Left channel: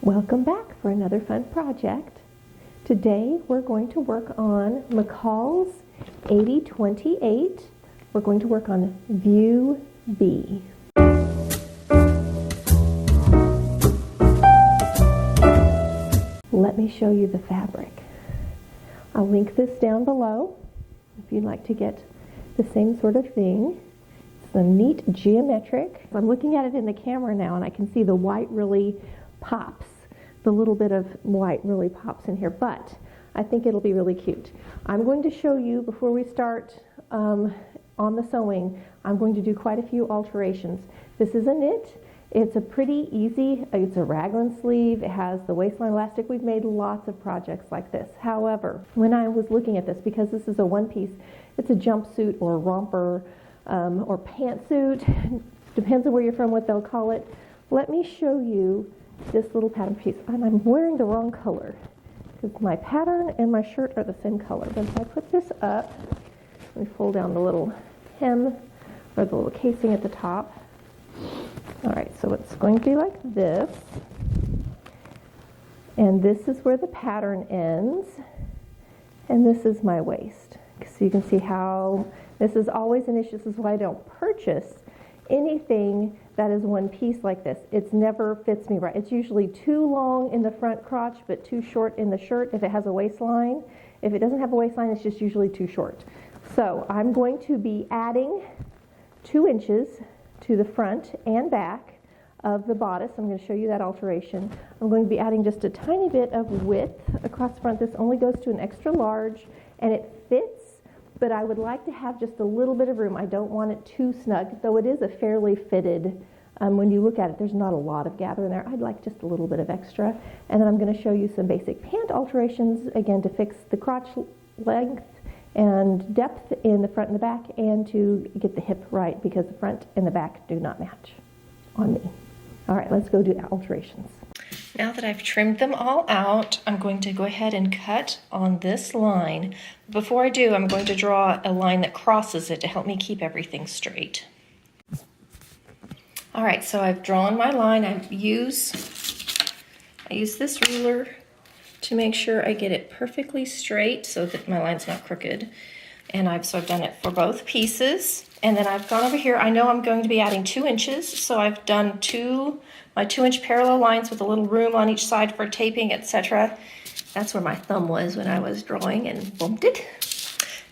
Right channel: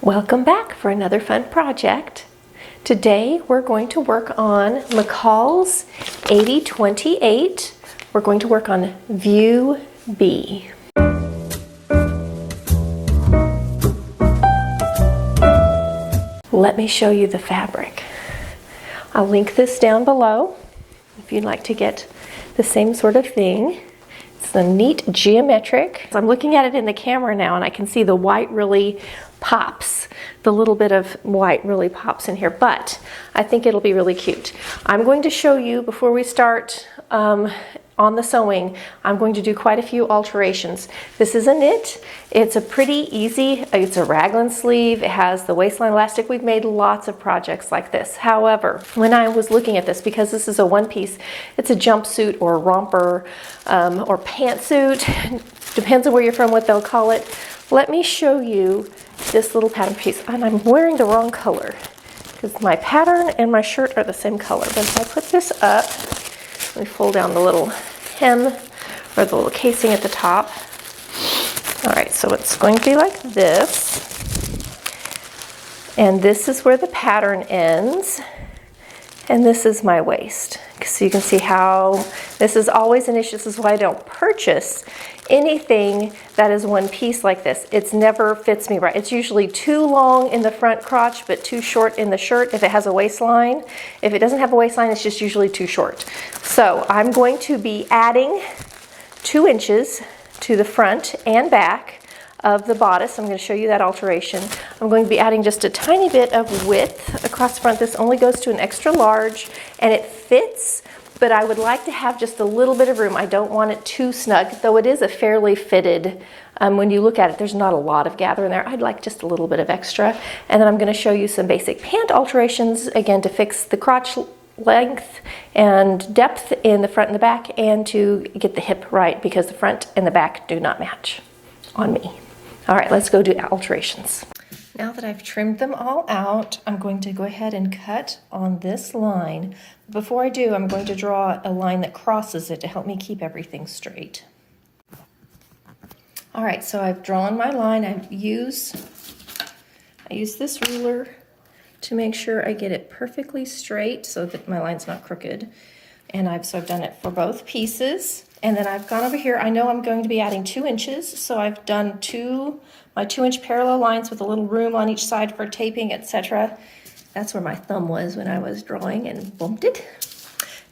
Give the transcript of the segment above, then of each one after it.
Welcome back for another fun project. Today we're going to work on McCalls 8028. We're going to work on View B. Let me show you the fabric. I'll link this down below if you'd like to get the same sort of thing. It's a neat geometric. I'm looking at it in the camera now and I can see the white really pops. The little bit of white really pops in here, but I think it'll be really cute. I'm going to show you before we start on the sewing, I'm going to do quite a few alterations. This is a knit. It's a pretty easy, it's a raglan sleeve. It has the waistline elastic. We've made lots of projects like this. However, when I was looking at this, because this is a one piece, it's a jumpsuit or romper or pantsuit. Depends on where you're from, what they'll call it. Let me show you this little pattern piece. And I'm wearing the wrong color because my pattern and my shirt are the same color. But if I put this up, let me fold down the little hem or the little casing at the top. All right, so it's going to be like this. And this is where the pattern ends. And this is my waist. So you can see how this is always an issue. This is why I don't purchase anything that is one piece like this. It's never fits me right. It's usually too long in the front crotch, but too short in the shirt if it has a waistline. If it doesn't have a waistline, it's just usually too short. So I'm going to be adding 2 inches to the front and back of the bodice. I'm going to show you that alteration. I'm going to be adding just a tiny bit of width across the front. This only goes to an extra large and it fits, but I would like to have just a little bit of room. I don't want it too snug, though it is a fairly fitted. When you look at it, there's not a lot of gather in there. I'd like just a little bit of extra. And then I'm going to show you some basic pant alterations, again, to fix the crotch length and depth in the front and the back, and to get the hip right, because the front and the back do not match on me. All right, let's go do alterations. Now that I've trimmed them all out, I'm going to go ahead and cut on this line. Before I do, I'm going to draw a line that crosses it to help me keep everything straight. All right, so I've drawn my line. I use this ruler to make sure I get it perfectly straight so that my line's not crooked. And I've done it for both pieces. And then I've gone over here. I know I'm going to be adding 2 inches, so I've done my 2-inch parallel lines with a little room on each side for taping, etc. That's where my thumb was when I was drawing and bumped it.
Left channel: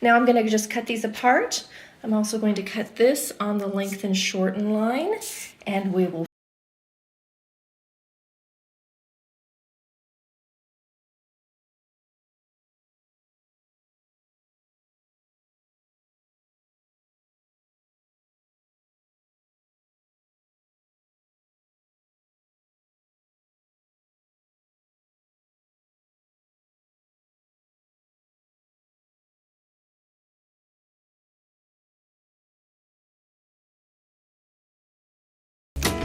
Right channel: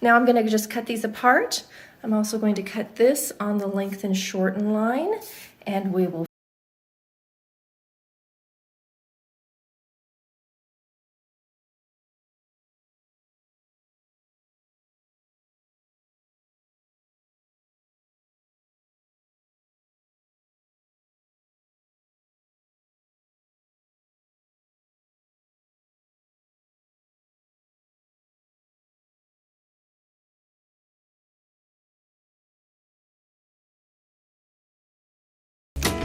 Now I'm going to just cut these apart. I'm also going to cut this on the lengthen shorten line, and we will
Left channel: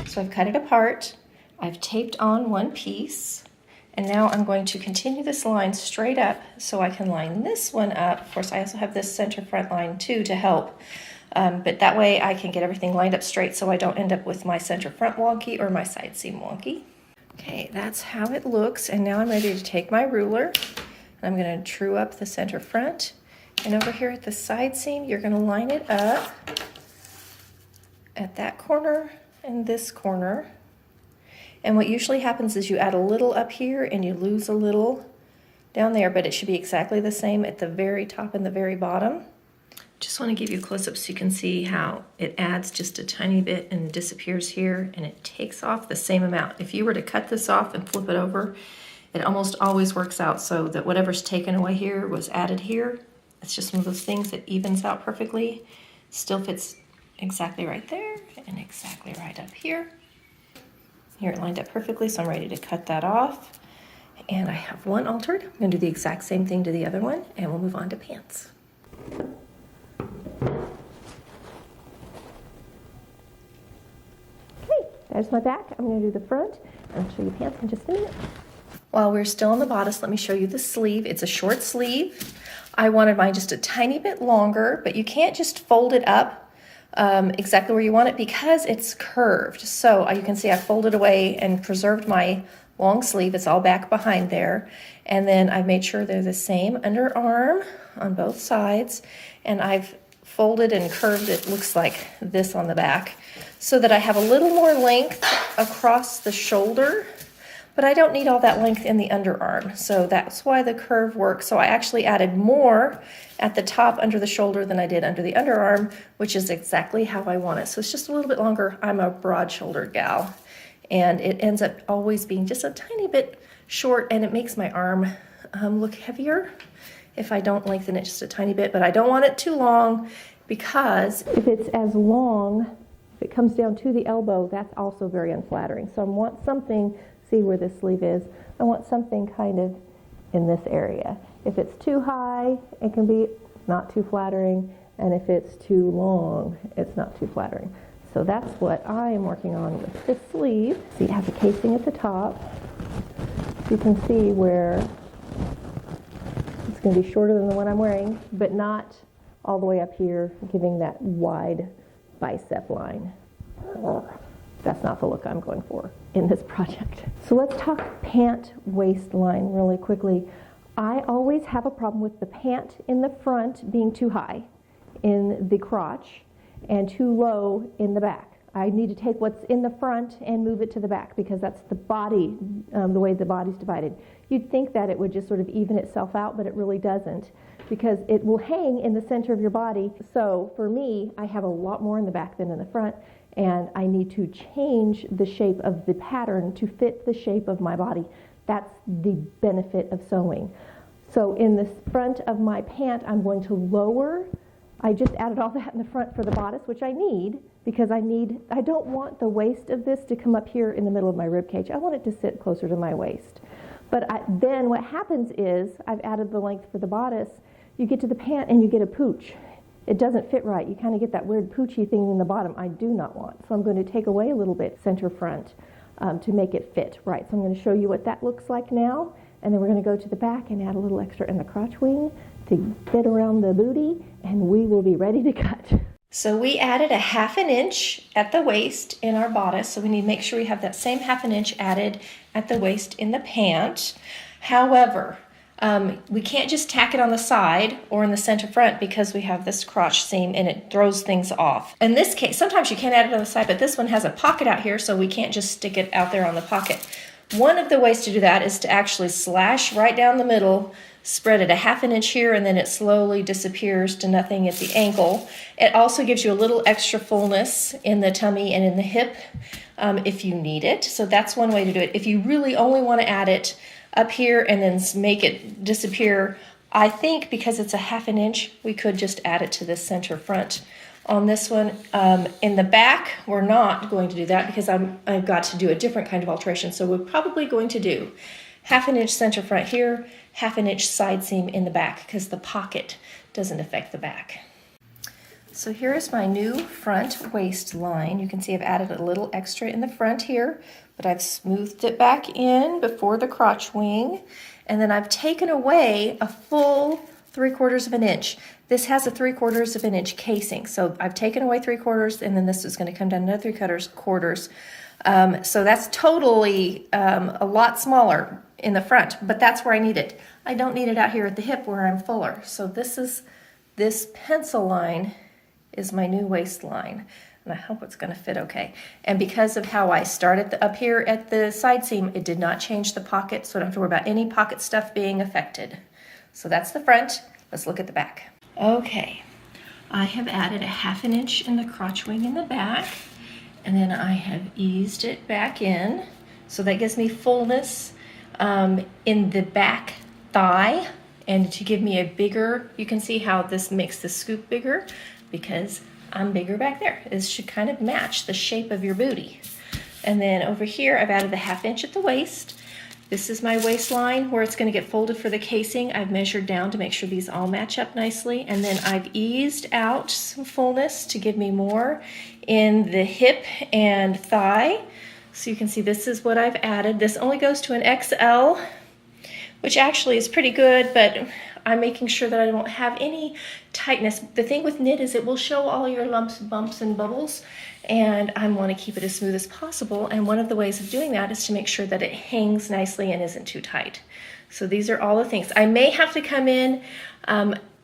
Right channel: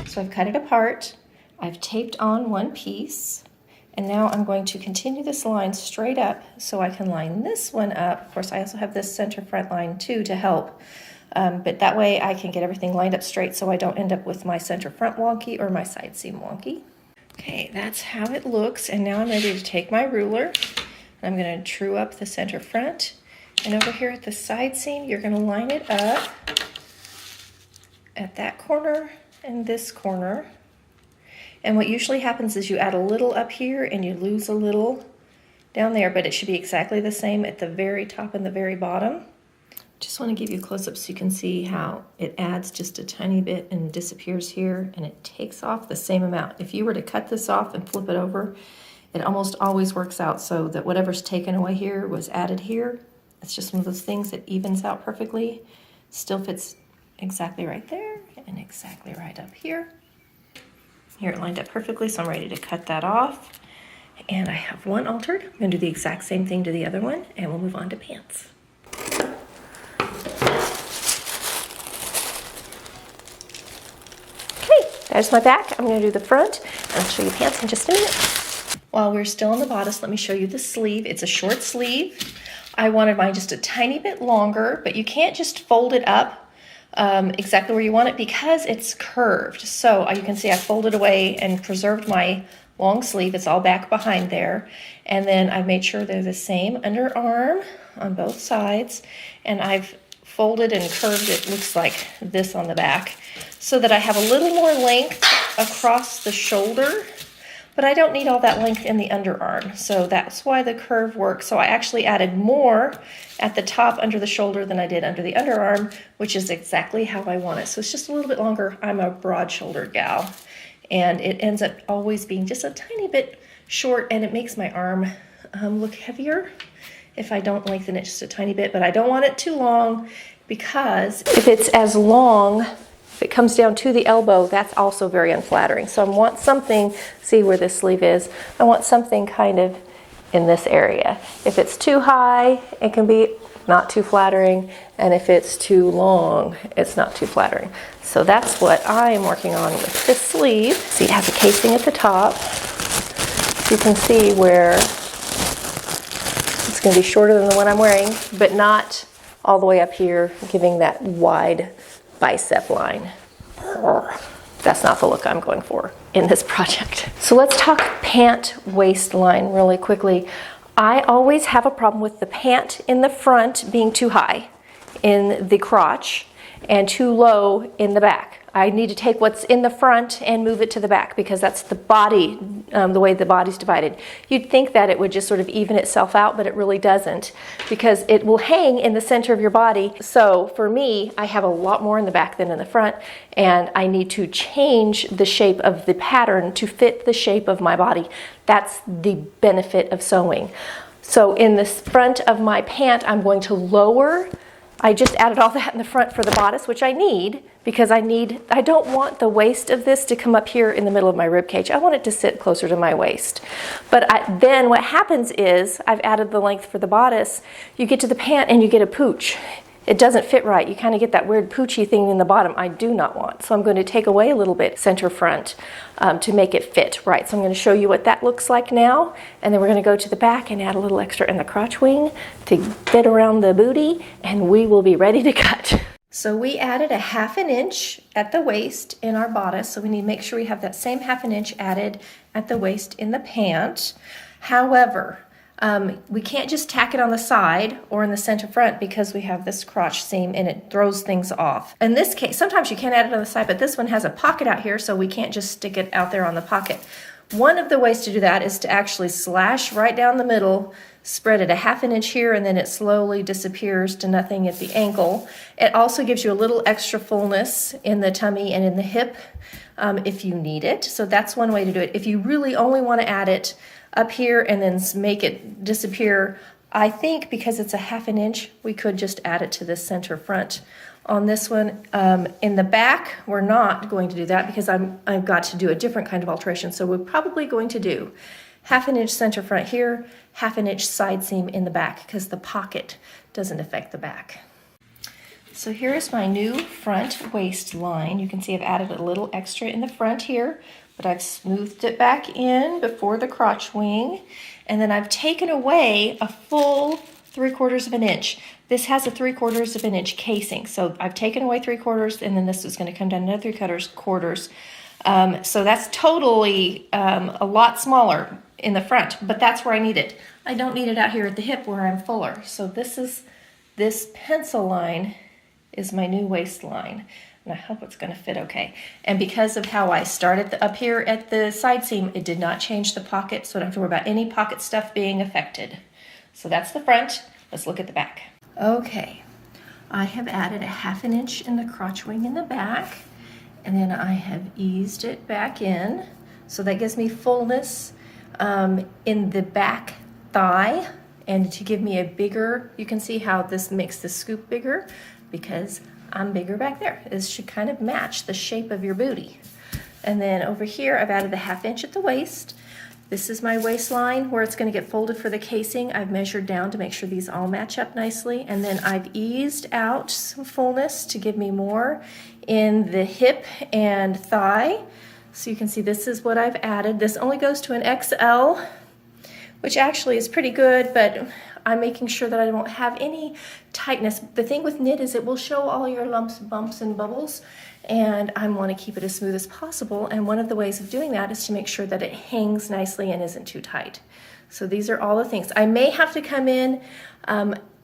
So I've cut it apart, I've taped on one piece, and now I'm going to continue this line straight up so I can line this one up. Of course, I also have this center front line too to help, but that way I can get everything lined up straight so I don't end up with my center front wonky or my side seam wonky. Okay, that's how it looks, and now I'm ready to take my ruler, and I'm going to true up the center front, and over here at the side seam, you're going to line it up at that corner and this corner. And what usually happens is you add a little up here and you lose a little down there, but it should be exactly the same at the very top and the very bottom. Just want to give you a close-up so you can see how it adds just a tiny bit and disappears here, and it takes off the same amount. If you were to cut this off and flip it over, it almost always works out so that whatever's taken away here was added here. It's just one of those things that evens out perfectly, still fits exactly right there and exactly right up here. Here it lined up perfectly, so I'm ready to cut that off. And I have one altered. I'm going to do the exact same thing to the other one, and we'll move on to pants. Okay, there's my back. I'm going to do the front, and I'll show you pants in just a minute. While we're still on the bodice, let me show you the sleeve. It's a short sleeve. I wanted mine just a tiny bit longer, but you can't just fold it up exactly where you want it because it's curved. So you can see I folded away and preserved my long sleeve. It's all back behind there. And then I've made sure they're the same underarm on both sides. And I've folded and curved it, looks like this on the back, so that I have a little more length across the shoulder, but I don't need all that length in the underarm. So that's why the curve works. So I actually added more at the top under the shoulder than I did under the underarm, which is exactly how I want it. So it's just a little bit longer. I'm a broad-shouldered gal, and it ends up always being just a tiny bit short, and it makes my arm look heavier if I don't lengthen it just a tiny bit, but I don't want it too long, because if it's as long, if it comes down to the elbow, that's also very unflattering. So I want something, see where this sleeve is, I want something kind of in this area. If it's too high, it can be not too flattering, and if it's too long, it's not too flattering. So that's what I am working on with this sleeve. See, it has a casing at the top. You can see where it's going to be shorter than the one I'm wearing, but not all the way up here, giving that wide bicep line. That's not the look I'm going for in this project. So let's talk pant waistline really quickly. I always have a problem with the pant in the front being too high in the crotch and too low in the back. I need to take what's in the front and move it to the back, because that's the body, the way the body's divided. You'd think that it would just sort of even itself out, but it really doesn't, because it will hang in the center of your body. So for me, I have a lot more in the back than in the front, and I need to change the shape of the pattern to fit the shape of my body. That's the benefit of sewing. So in the front of my pant, I'm going to lower. I just added all that in the front for the bodice, which I need, because I don't want the waist of this to come up here in the middle of my rib cage. I want it to sit closer to my waist. But then what happens is, I've added the length for the bodice, you get to the pant and you get a pooch. It doesn't fit right. You kind of get that weird poochy thing in the bottom I do not want. So I'm going to take away a little bit center front to make it fit right. So I'm going to show you what that looks like now, and then we're going to go to the back and add a little extra in the crotch wing to fit around the booty, and we will be ready to cut. So we added a 1/2 inch at the waist in our bodice, so we need to make sure we have that same 1/2 inch added at the waist in the pant. However, we can't just tack it on the side or in the center front, because we have this crotch seam and it throws things off. In this case, sometimes you can add it on the side, but this one has a pocket out here, so we can't just stick it out there on the pocket. One of the ways to do that is to actually slash right down the middle, spread it a 1/2 inch here, and then it slowly disappears to nothing at the ankle. It also gives you a little extra fullness in the tummy and in the hip if you need it. So that's one way to do it. If you really only want to add it up here and then make it disappear, I think because it's a 1/2 inch, we could just add it to the center front. On this one, in the back, we're not going to do that, because I've got to do a different kind of alteration. So we're probably going to do 1/2 inch center front here, 1/2 inch side seam in the back, because the pocket doesn't affect the back. So here is my new front waistline. You can see I've added a little extra in the front here, but I've smoothed it back in before the crotch wing, and then I've taken away a full 3/4 inch. This has a 3/4 inch casing, so I've taken away 3/4, and then this is going to come down another 3/4. So that's totally a lot smaller in the front, but that's where I need it. I don't need it out here at the hip where I'm fuller. So this pencil line is my new waistline, and I hope it's going to fit okay. And because of how I started up here at the side seam, it did not change the pocket, so I don't have to worry about any pocket stuff being affected. So that's the front. Let's look at the back. Okay, I have added a 1/2 inch in the crotch wing in the back, and then I have eased it back in. So that gives me fullness in the back thigh, and to give me a bigger, you can see how this makes the scoop bigger, because I'm bigger back there. This should kind of match the shape of your booty. And then over here, I've added the 1/2 inch at the waist. This is my waistline where it's going to get folded for the casing. I've measured down to make sure these all match up nicely. And then I've eased out some fullness to give me more in the hip and thigh. So you can see this is what I've added. This only goes to an XL, which actually is pretty good, but I'm making sure that I don't have any tightness. The thing with knit is it will show all your lumps, bumps, and bubbles, and I want to keep it as smooth as possible. And one of the ways of doing that is to make sure that it hangs nicely and isn't too tight. So these are all the things. I may have to come in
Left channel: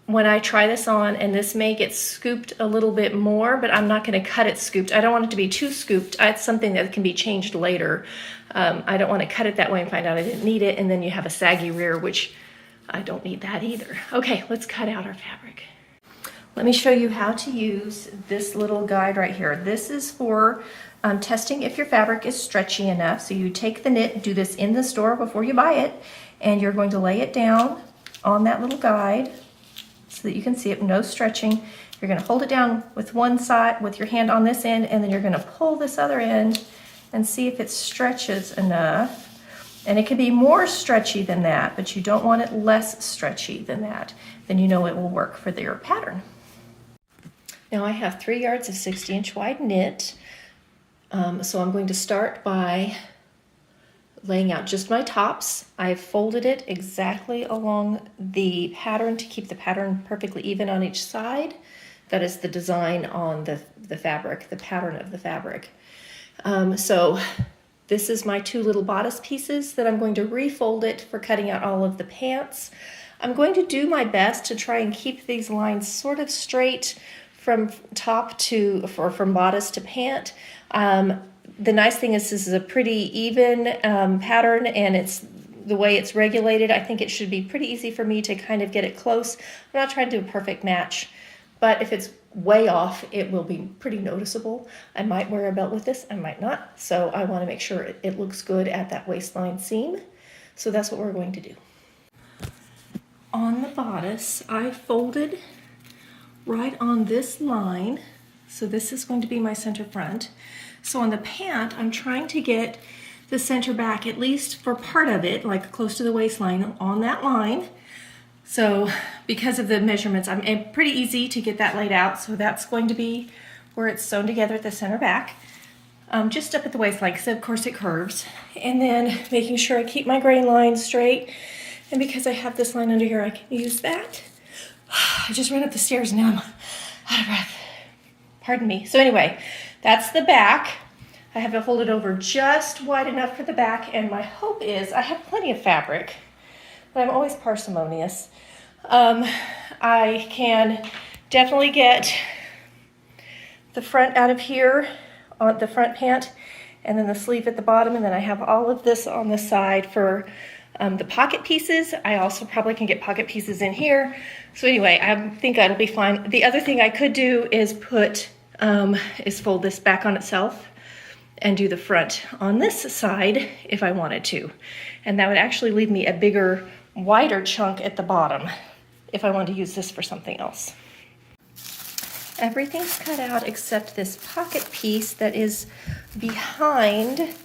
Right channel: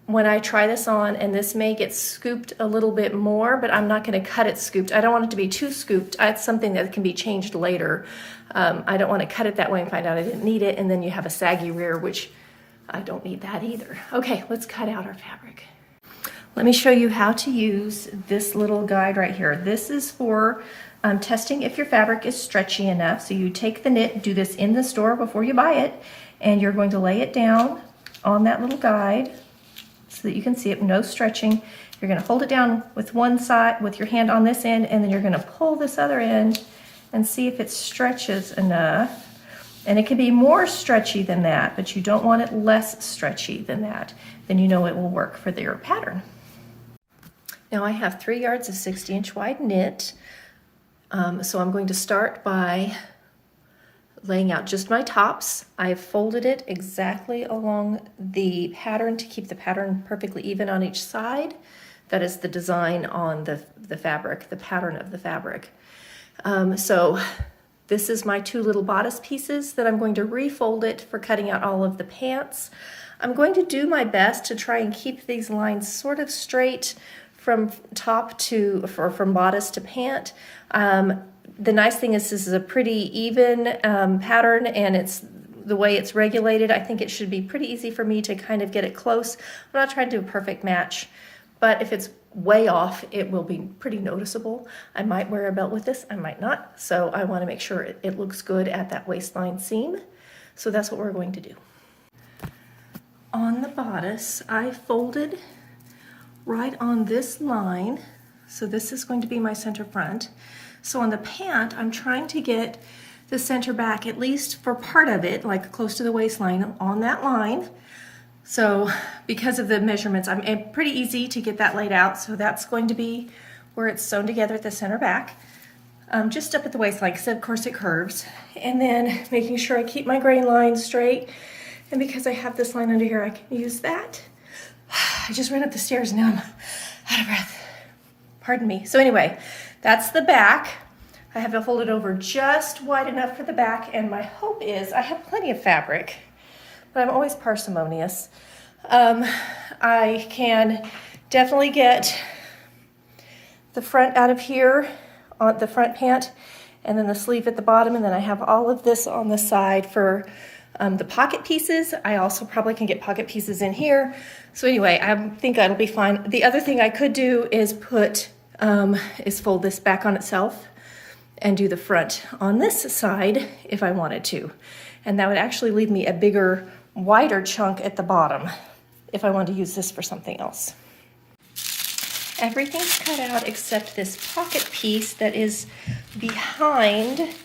when I try this on, and this may get scooped a little bit more, but I'm not going to cut it scooped. I don't want it to be too scooped. It's something that can be changed later. I don't want to cut it that way and find out I didn't need it, and then you have a saggy rear, which I don't need that either. Okay, let's cut out our fabric. Let me show you how to use this little guide right here. This is for testing if your fabric is stretchy enough. So you take the knit, do this in the store before you buy it, and you're going to lay it down on that little guide so that you can see it, no stretching. You're going to hold it down with one side, with your hand on this end, and then you're going to pull this other end and see if it stretches enough. And it can be more stretchy than that, but you don't want it less stretchy than that. Then you know it will work for your pattern. Now I have 3 yards of 60-inch wide knit. So I'm going to start by laying out just my tops. I've folded it exactly along the pattern to keep the pattern perfectly even on each side. That is the design on the fabric, the pattern of the fabric. So this is my 2 little bodice pieces that I'm going to refold it for cutting out all of the pants. I'm going to do my best to try and keep these lines sort of straight from top to, or from bodice to pant. The nice thing is this is a pretty even pattern, and it's the way it's regulated. I think it should be pretty easy for me to kind of get it close. I'm not trying to do a perfect match, but if it's way off, it will be pretty noticeable. I might wear a belt with this, I might not. So I want to make sure it looks good at that waistline seam. So that's what we're going to do. On the bodice, I folded right on this line. So this is going to be my center front. So on the pant, I'm trying to get the center back, at least for part of it, like close to the waistline on that line. So because of the measurements, I'm pretty easy to get that laid out. So that's going to be where it's sewn together at the center back, just up at the waistline, because of course it curves. And then making sure I keep my grain line straight. And because I have this line under here, I can use that. I just ran up the stairs and now I'm out of breath. Pardon me. So anyway, that's the back. I have to hold it over just wide enough for the back, and my hope is I have plenty of fabric, but I'm always parsimonious. I can definitely get the front out of here on the front pant, and then the sleeve at the bottom, and then I have all of this on the side for the pocket pieces. I also probably can get pocket pieces in here. So anyway, I think that'll be fine. The other thing I could do is fold this back on itself and do the front on this side if I wanted to. And that would actually leave me a bigger, wider chunk at the bottom if I wanted to use this for something else. Everything's cut out except this pocket piece that is behind.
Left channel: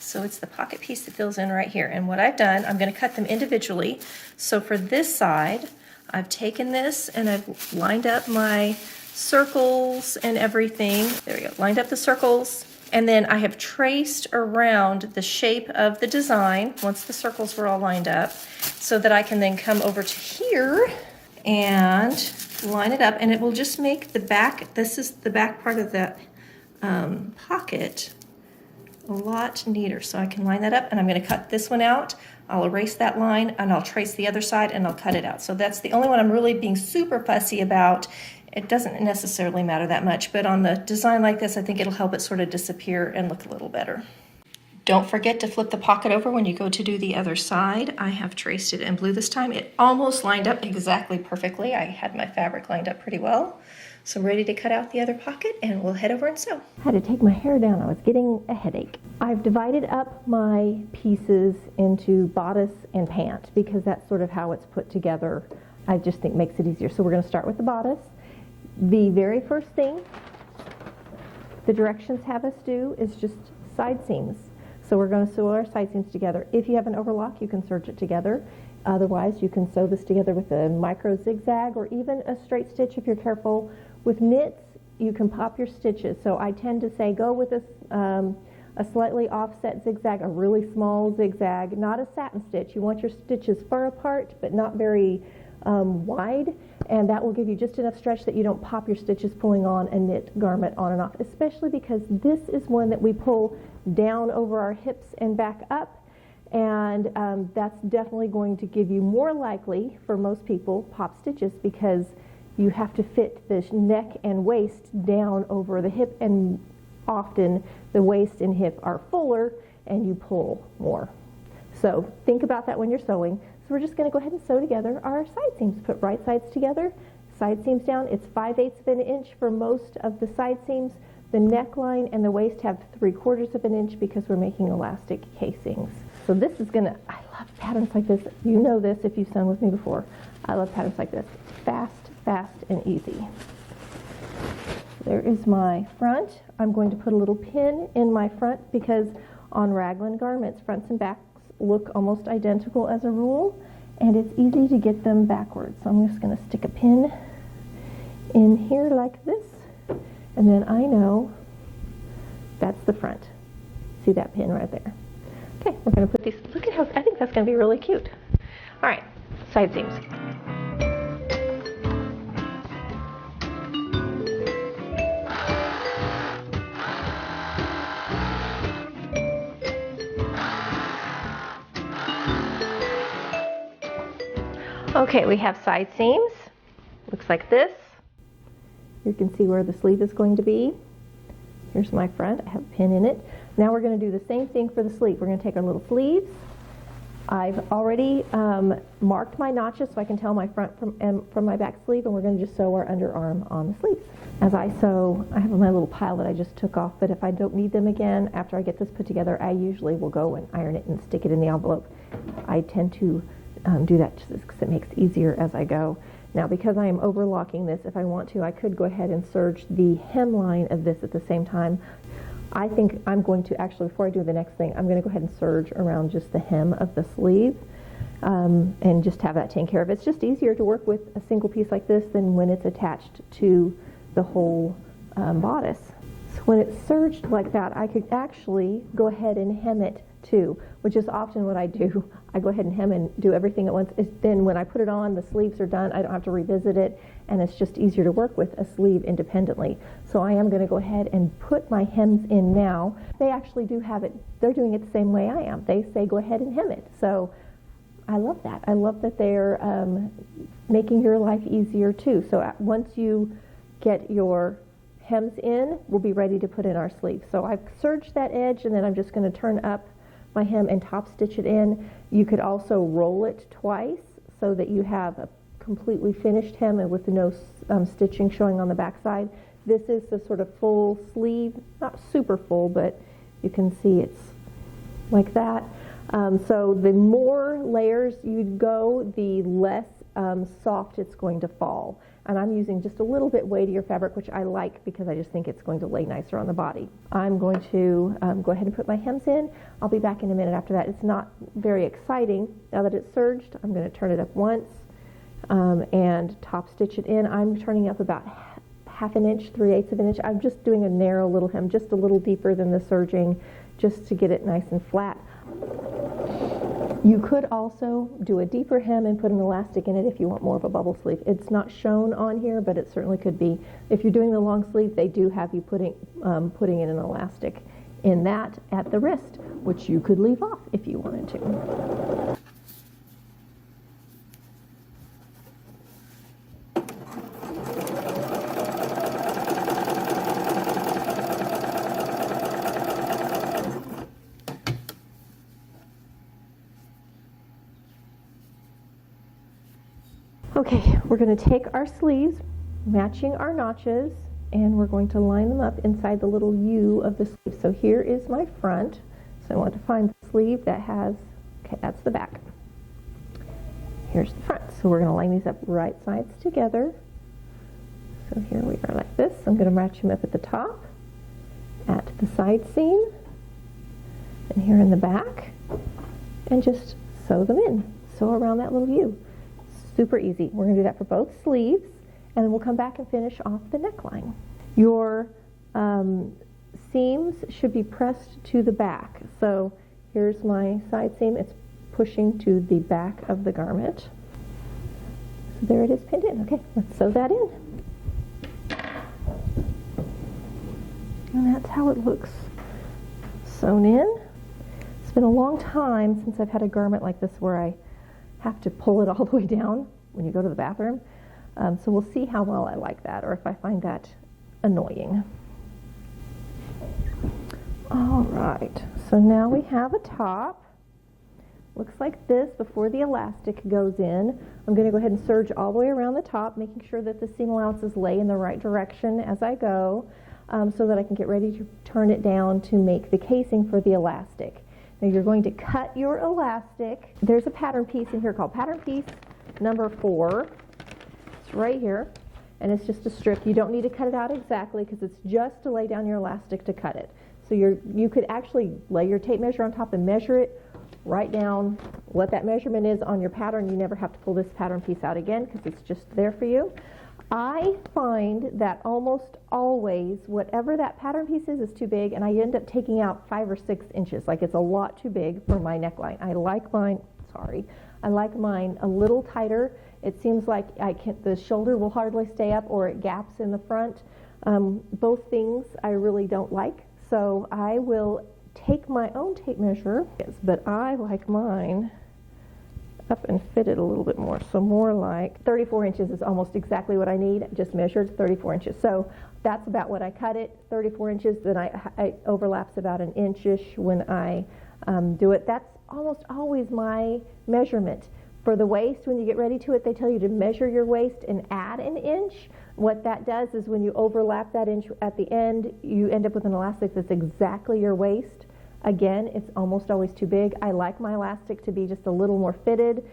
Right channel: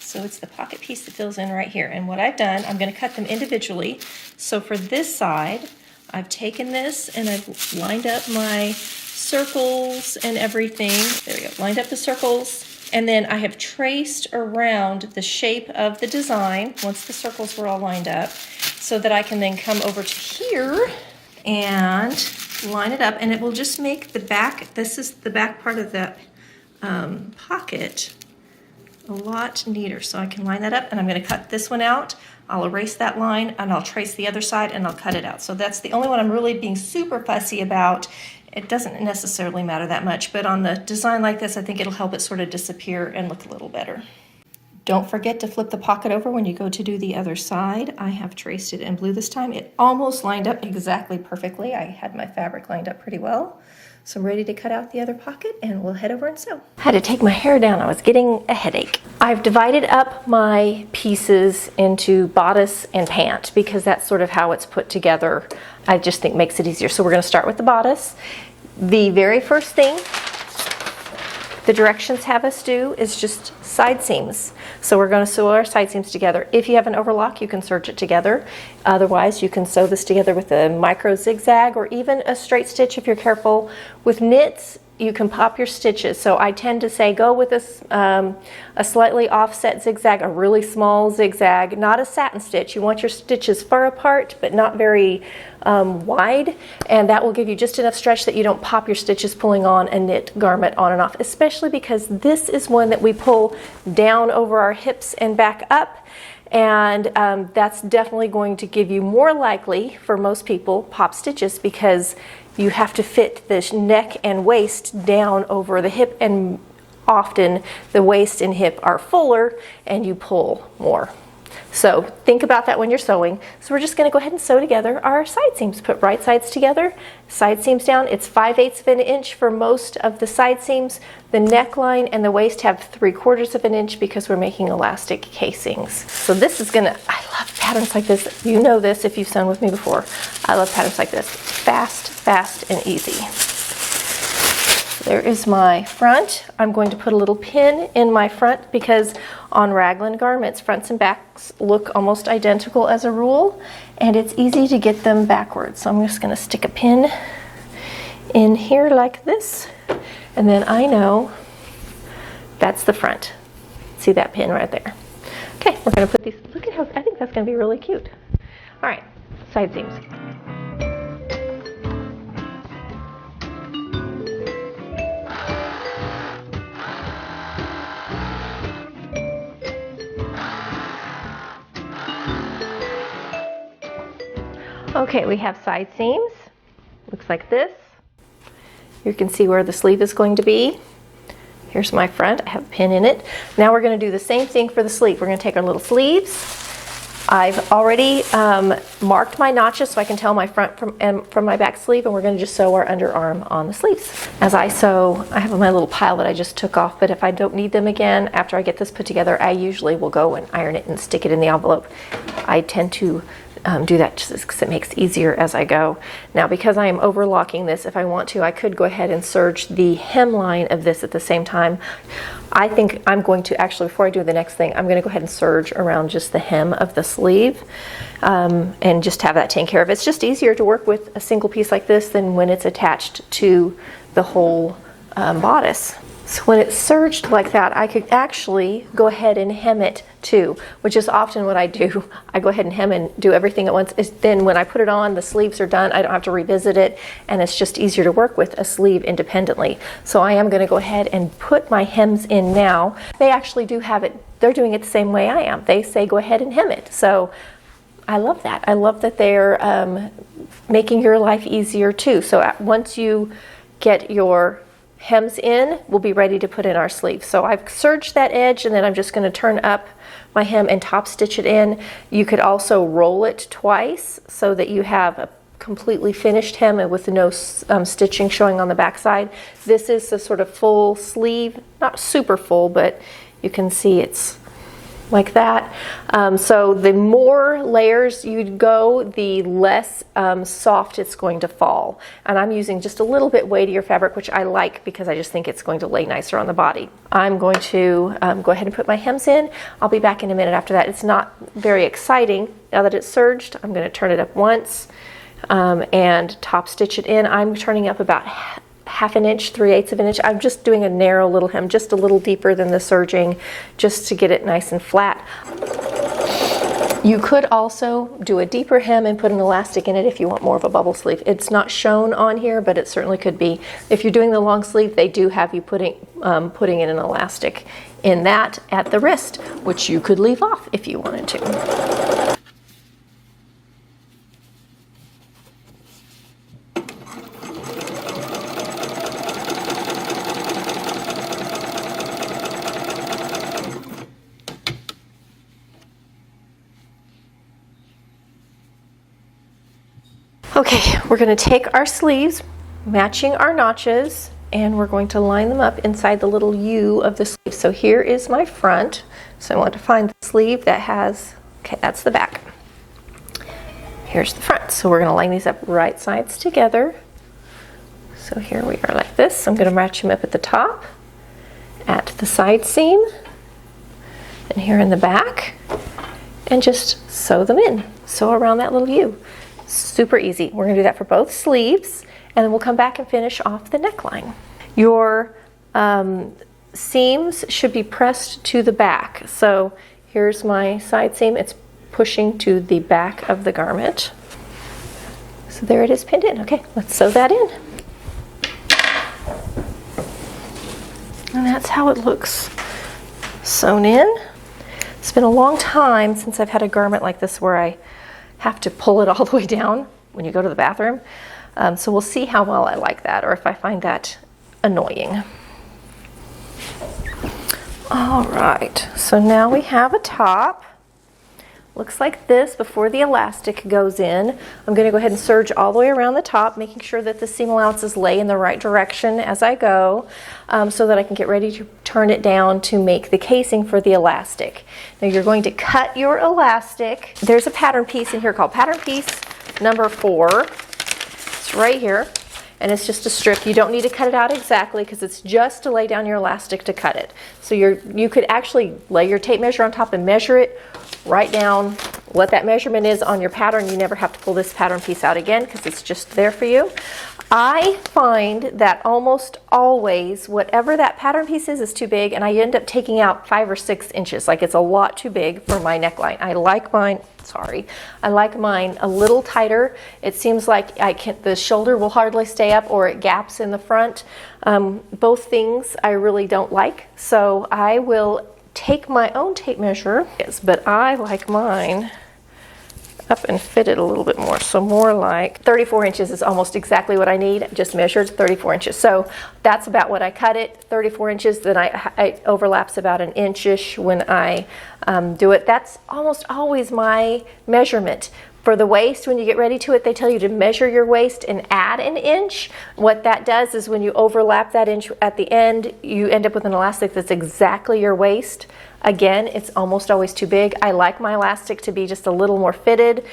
So it's the pocket piece that fills in right here. And what I've done, I'm going to cut them individually. So for this side, I've taken this and I've lined up my circles and everything. There we go, lined up the circles. And then I have traced around the shape of the design once the circles were all lined up, so that I can then come over to here and line it up, and it will just make the back, this is the back part of that pocket, a lot neater. So I can line that up, and I'm going to cut this one out. I'll erase that line and I'll trace the other side and I'll cut it out. So that's the only one I'm really being super fussy about. It doesn't necessarily matter that much, but on the design like this, I think it'll help it sort of disappear and look a little better. Don't forget to flip the pocket over when you go to do the other side. I have traced it in blue this time. It almost lined up exactly perfectly. I had my fabric lined up pretty well. So I'm ready to cut out the other pocket and we'll head over and sew. I had to take my hair down. I was getting a headache. I've divided up my pieces into bodice and pant because that's sort of how it's put together. I just think makes it easier. So we're going to start with the bodice. The very first thing the directions have us do is just side seams. So we're going to sew our side seams together. If you have an overlock, you can serge it together. Otherwise, you can sew this together with a micro zigzag or even a straight stitch if you're careful. With knits, you can pop your stitches. So I tend to say go with a slightly offset zigzag, a really small zigzag, not a satin stitch. You want your stitches far apart but not very wide, and that will give you just enough stretch that you don't pop your stitches pulling on a knit garment on and off, especially because this is one that we pull down over our hips and back up. And that's definitely going to give you more likely, for most people, pop stitches, because you have to fit the neck and waist down over the hip, and often the waist and hip are fuller and you pull more. So think about that when you're sewing. So we're just going to go ahead and sew together our side seams. Put right sides together, side seams down. It's 5/8 of an inch for most of the side seams. The neckline and the waist have 3/4 of an inch because we're making elastic casings. So this is gonna, I love patterns like this. You know this if you've sewn with me before. I love patterns like this. Fast, fast, and easy. There is my front. I'm going to put a little pin in my front because on raglan garments, fronts and backs look almost identical as a rule, and it's easy to get them backwards. So I'm just going to stick a pin in here like this, and then I know that's the front. See that pin right there? Okay, we're going to put these, look at how, I think that's going to be really cute. All right, side seams. Okay, we have side seams. Looks like this. You can see where the sleeve is going to be. Here's my front. I have a pin in it. Now we're going to do the same thing for the sleeve. We're going to take our little sleeves. I've already marked my notches so I can tell my front from my back sleeve, and we're going to just sew our underarm on the sleeves. As I sew, I have my little pile that I just took off, but if I don't need them again after I get this put together, I usually will go and iron it and stick it in the envelope. I tend to do that just because it makes it easier as I go. Now, because I am overlocking this, if I want to, I could go ahead and serge the hemline of this at the same time. I think I'm going to actually, before I do the next thing, I'm going to go ahead and serge around just the hem of the sleeve and just have that taken care of. It's just easier to work with a single piece like this than when it's attached to the whole bodice. So when it's serged like that, I could actually go ahead and hem it too, which is often what I do. I go ahead and hem and do everything at once. Then when I put it on, the sleeves are done. I don't have to revisit it, and it's just easier to work with a sleeve independently. So I am going to go ahead and put my hems in now. They actually do have it. They're doing it the same way I am. They say go ahead and hem it. So I love that. I love that they're making your life easier too. So once you get your hems in, we'll be ready to put in our sleeve. So I've serged that edge, and then I'm just going to turn up my hem and top stitch it in. You could also roll it twice so that you have a completely finished hem and with no stitching showing on the back side. This is the sort of full sleeve, not super full, but you can see it's like that. So the more layers you go, the less soft it's going to fall. And I'm using just a little bit weightier fabric, which I like because I just think it's going to lay nicer on the body. I'm going to go ahead and put my hems in. I'll be back in a minute after that. It's not very exciting. Now that it's serged, I'm going to turn it up once and top stitch it in. I'm turning up about half an inch, 3/8 of an inch. I'm just doing a narrow little hem, just a little deeper than the serging, just to get it nice and flat. You could also do a deeper hem and put an elastic in it if you want more of a bubble sleeve. It's not shown on here, but it certainly could be. If you're doing the long sleeve, they do have you putting in an elastic in that at the wrist, which you could leave off if you wanted to. Okay, we're going to take our sleeves, matching our notches, and we're going to line them up inside the little U of the sleeve. So here is my front. So I want to find the sleeve that has, okay, that's the back. Here's the front. So we're going to line these up right sides together. So here we are like this. I'm going to match them up at the top, at the side seam, and here in the back, and just sew them in. Sew around that little U. Super easy. We're going to do that for both sleeves, and then we'll come back and finish off the neckline. Your seams should be pressed to the back. So here's my side seam. It's pushing to the back of the garment. So there it is pinned in. Okay, let's sew that in. And that's how it looks sewn in. It's been a long time since I've had a garment like this where I have to pull it all the way down when you go to the bathroom. So we'll see how well I like that, or if I find that annoying. All right, so now we have a top. Looks like this before the elastic goes in. I'm going to go ahead and serge all the way around the top, making sure that the seam allowances lay in the right direction as I go, so that I can get ready to turn it down to make the casing for the elastic. Now you're going to cut your elastic. There's a pattern piece in here called pattern piece number 4. It's right here, and it's just a strip. You don't need to cut it out exactly because it's just to lay down your elastic to cut it. So you could actually lay your tape measure on top and measure it. Write down what that measurement is on your pattern. You never have to pull this pattern piece out again because it's just there for you. I find that almost always whatever that pattern piece is too big, and I end up taking out 5 or 6 inches. Like, it's a lot too big for my neckline. I like mine a little tighter. It seems like the shoulder will hardly stay up, or it gaps in the front. Both things I really don't like. So I will take my own tape measure, but I like mine up and fit it a little bit more. So more like 34 inches is almost exactly what I need. I just measured 34 inches. So that's about what I cut it, 34 inches. Then it overlaps about an inch-ish when I do it. That's almost always my measurement. For the waist, when you get ready to it, they tell you to measure your waist and add an inch. What that does is when you overlap that inch at the end, you end up with an elastic that's exactly your waist. Again, it's almost always too big. I like my elastic to be just a little more fitted,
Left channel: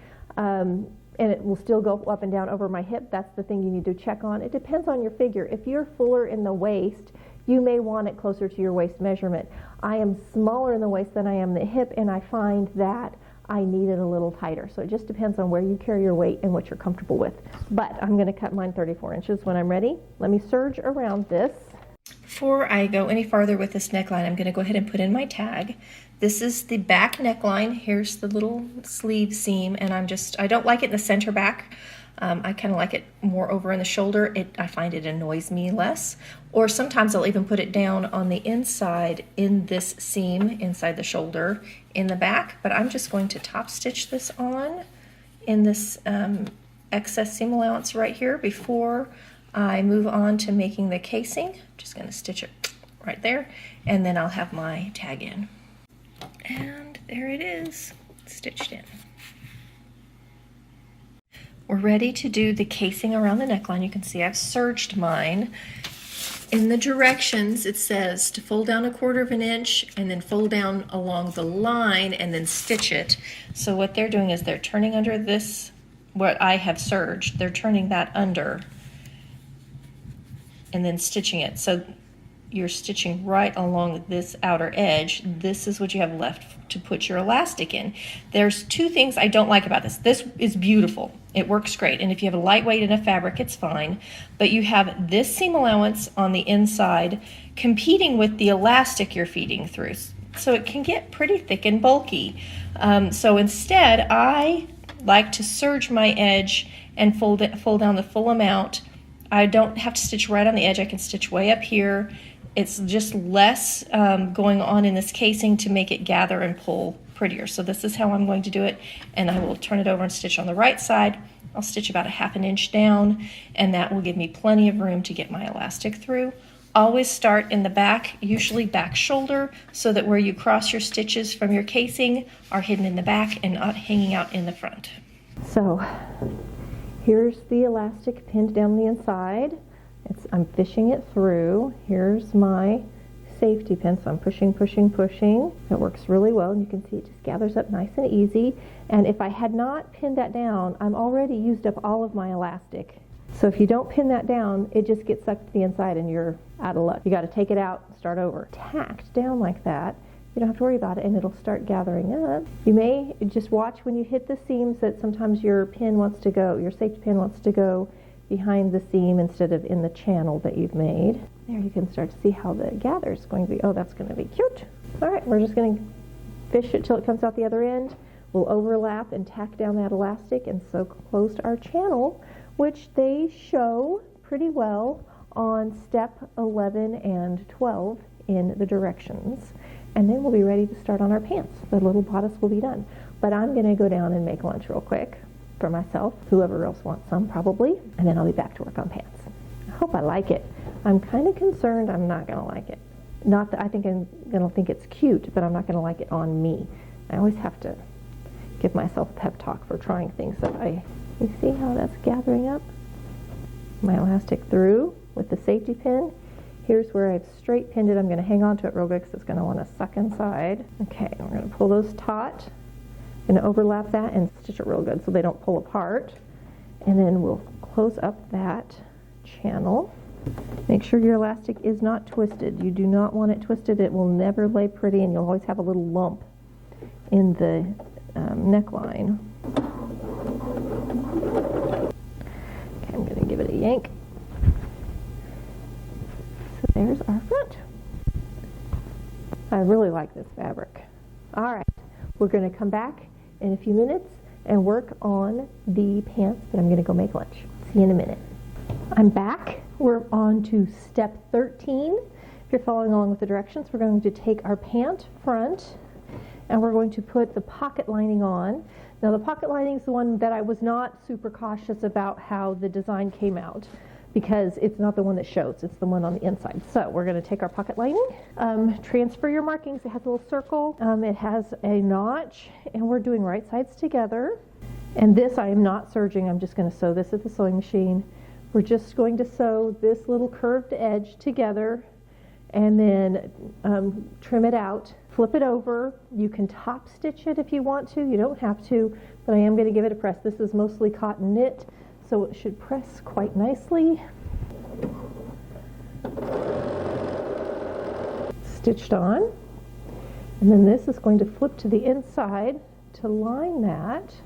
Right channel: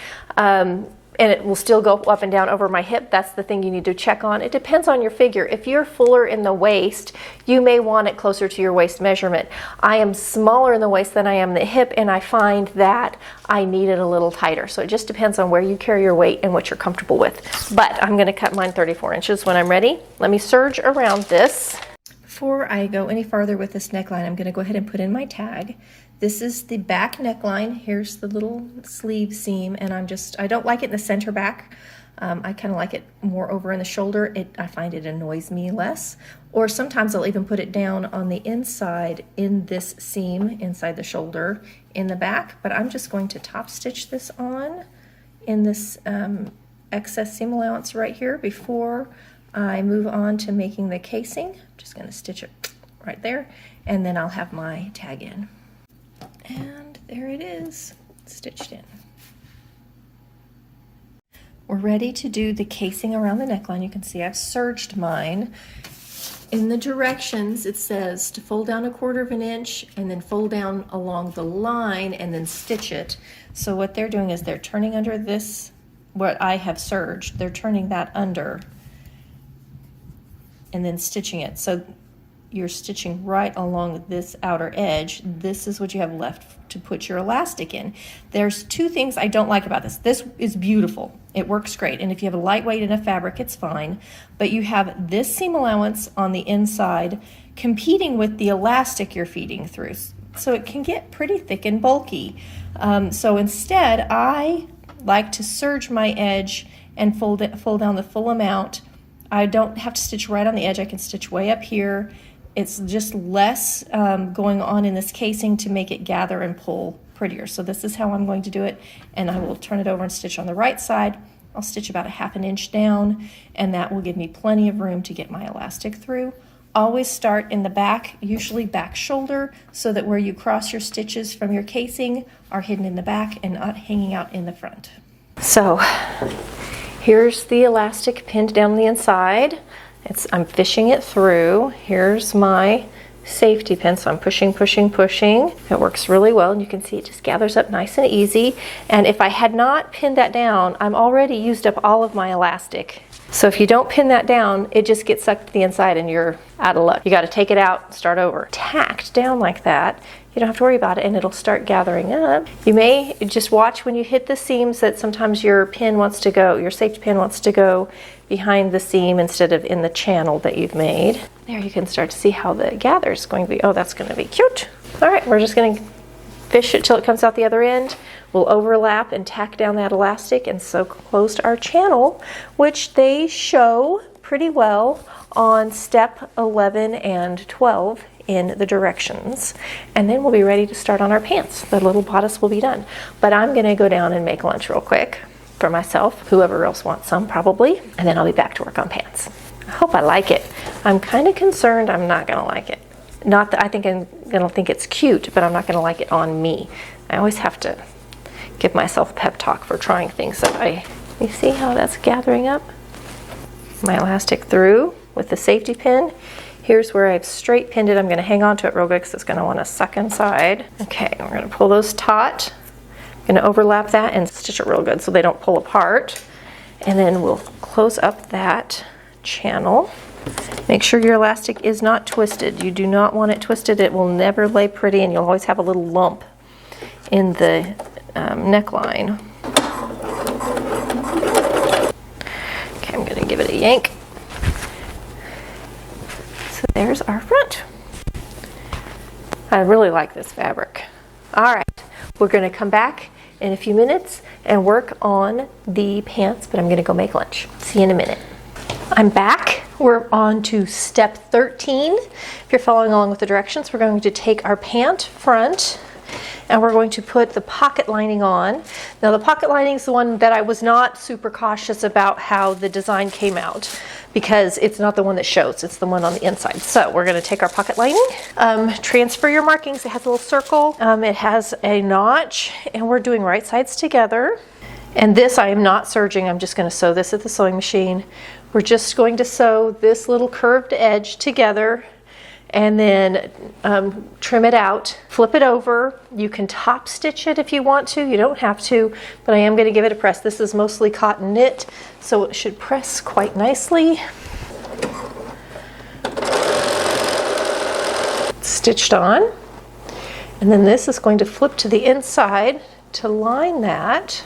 and it will still go up and down over my hip. That's the thing you need to check on. It depends on your figure. If you're fuller in the waist, you may want it closer to your waist measurement. I am smaller in the waist than I am in the hip, and I find that I need it a little tighter. So it just depends on where you carry your weight and what you're comfortable with. But I'm going to cut mine 34 inches when I'm ready. Let me serge around this. Before I go any farther with this neckline, I'm going to go ahead and put in my tag. This is the back neckline. Here's the little sleeve seam, and I don't like it in the center back. I kind of like it more over in the shoulder. I find it annoys me less. Or sometimes I'll even put it down on the inside in this seam, inside the shoulder, in the back. But I'm just going to top stitch this on in this excess seam allowance right here before I move on to making the casing. I'm just going to stitch it right there, and then I'll have my tag in. And there it is, stitched in. We're ready to do the casing around the neckline. You can see I've serged mine. In the directions, it says to fold down 1/4 inch and then fold down along the line and then stitch it. So what they're doing is they're turning under this, what I have serged, they're turning that under and then stitching it. So you're stitching right along this outer edge. This is what you have left to put your elastic in. There's 2 things I don't like about this. This is beautiful. It works great. And if you have a lightweight in a fabric, it's fine. But you have this seam allowance on the inside competing with the elastic you're feeding through. So it can get pretty thick and bulky. So instead, I like to serge my edge and fold down the full amount. I don't have to stitch right on the edge. I can stitch way up here. It's just less going on in this casing to make it gather and pull prettier. So this is how I'm going to do it, and I will turn it over and stitch on the right side. I'll stitch about 1/2 inch down, and that will give me plenty of room to get my elastic through. Always start in the back, usually back shoulder, so that where you cross your stitches from your casing are hidden in the back and not hanging out in the front. So here's the elastic pinned down the inside. I'm fishing it through. Here's my safety pin, so I'm pushing, pushing, pushing. It works really well, and you can see it just gathers up nice and easy. And if I had not pinned that down, I'm already used up all of my elastic. So if you don't pin that down, it just gets sucked to the inside and you're out of luck. You got to take it out and start over. Tacked down like that, you don't have to worry about it, and it'll start gathering up. You may just watch when you hit the seams that sometimes your pin wants to go, your safety pin wants to go behind the seam instead of in the channel that you've made. There you can start to see how the gather is going to be. Oh, that's going to be cute. All right, we're just going to fish it till it comes out the other end. We'll overlap and tack down that elastic and sew closed our channel, which they show pretty well on step 11 and 12 in the directions. And then we'll be ready to start on our pants. The little bodice will be done. But I'm going to go down and make lunch real quick for myself, whoever else wants some probably, and then I'll be back to work on pants. I hope I like it. I'm kind of concerned I'm not going to like it. Not that I think I'm going to think it's cute, but I'm not going to like it on me. I always have to give myself a pep talk for trying things that you see how that's gathering up? My elastic through with the safety pin. Here's where I've straight pinned it. I'm going to hang on to it real good because it's going to want to suck inside. Okay, we're going to pull those taut. I'm going to overlap that and stitch it real good so they don't pull apart. And then we'll close up that channel. Make sure your elastic is not twisted. You do not want it twisted. It will never lay pretty, and you'll always have a little lump in the neckline. Okay, I'm going to give it a yank. So there's our front. I really like this fabric. All right, we're going to come back in a few minutes and work on the pants, but I'm going to go make lunch. See you in a minute. I'm back. We're on to step 13. If you're following along with the directions, we're going to take our pant front and we're going to put the pocket lining on. Now the pocket lining is the one that I was not super cautious about how the design came out because it's not the one that shows, it's the one on the inside. So we're going to take our pocket lining, transfer your markings. It has a little circle, it has a notch, and we're doing right sides together. And this I am not serging, I'm just going to sew this at the sewing machine. We're just going to sew this little curved edge together and then trim it out, flip it over. You can top stitch it if you want to, you don't have to, but I am going to give it a press. This is mostly cotton knit, so it should press quite nicely. Stitched on, and then this is going to flip to the inside to line that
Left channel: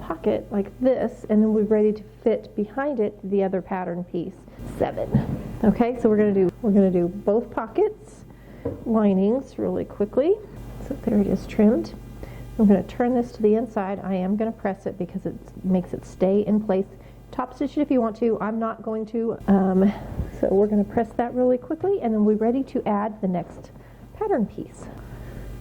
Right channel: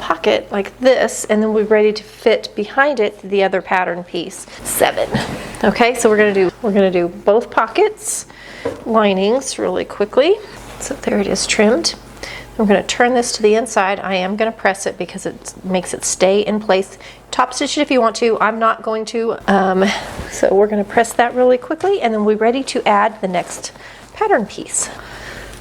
pocket like this, and then we're ready to fit behind it the other pattern piece. 7. Okay, so we're gonna do both pockets linings really quickly. So there it is trimmed. I'm gonna turn this to the inside. I am gonna press it because it makes it stay in place. Top stitch it if you want to. I'm not going to. So we're gonna press that really quickly, and then we're ready to add the next pattern piece.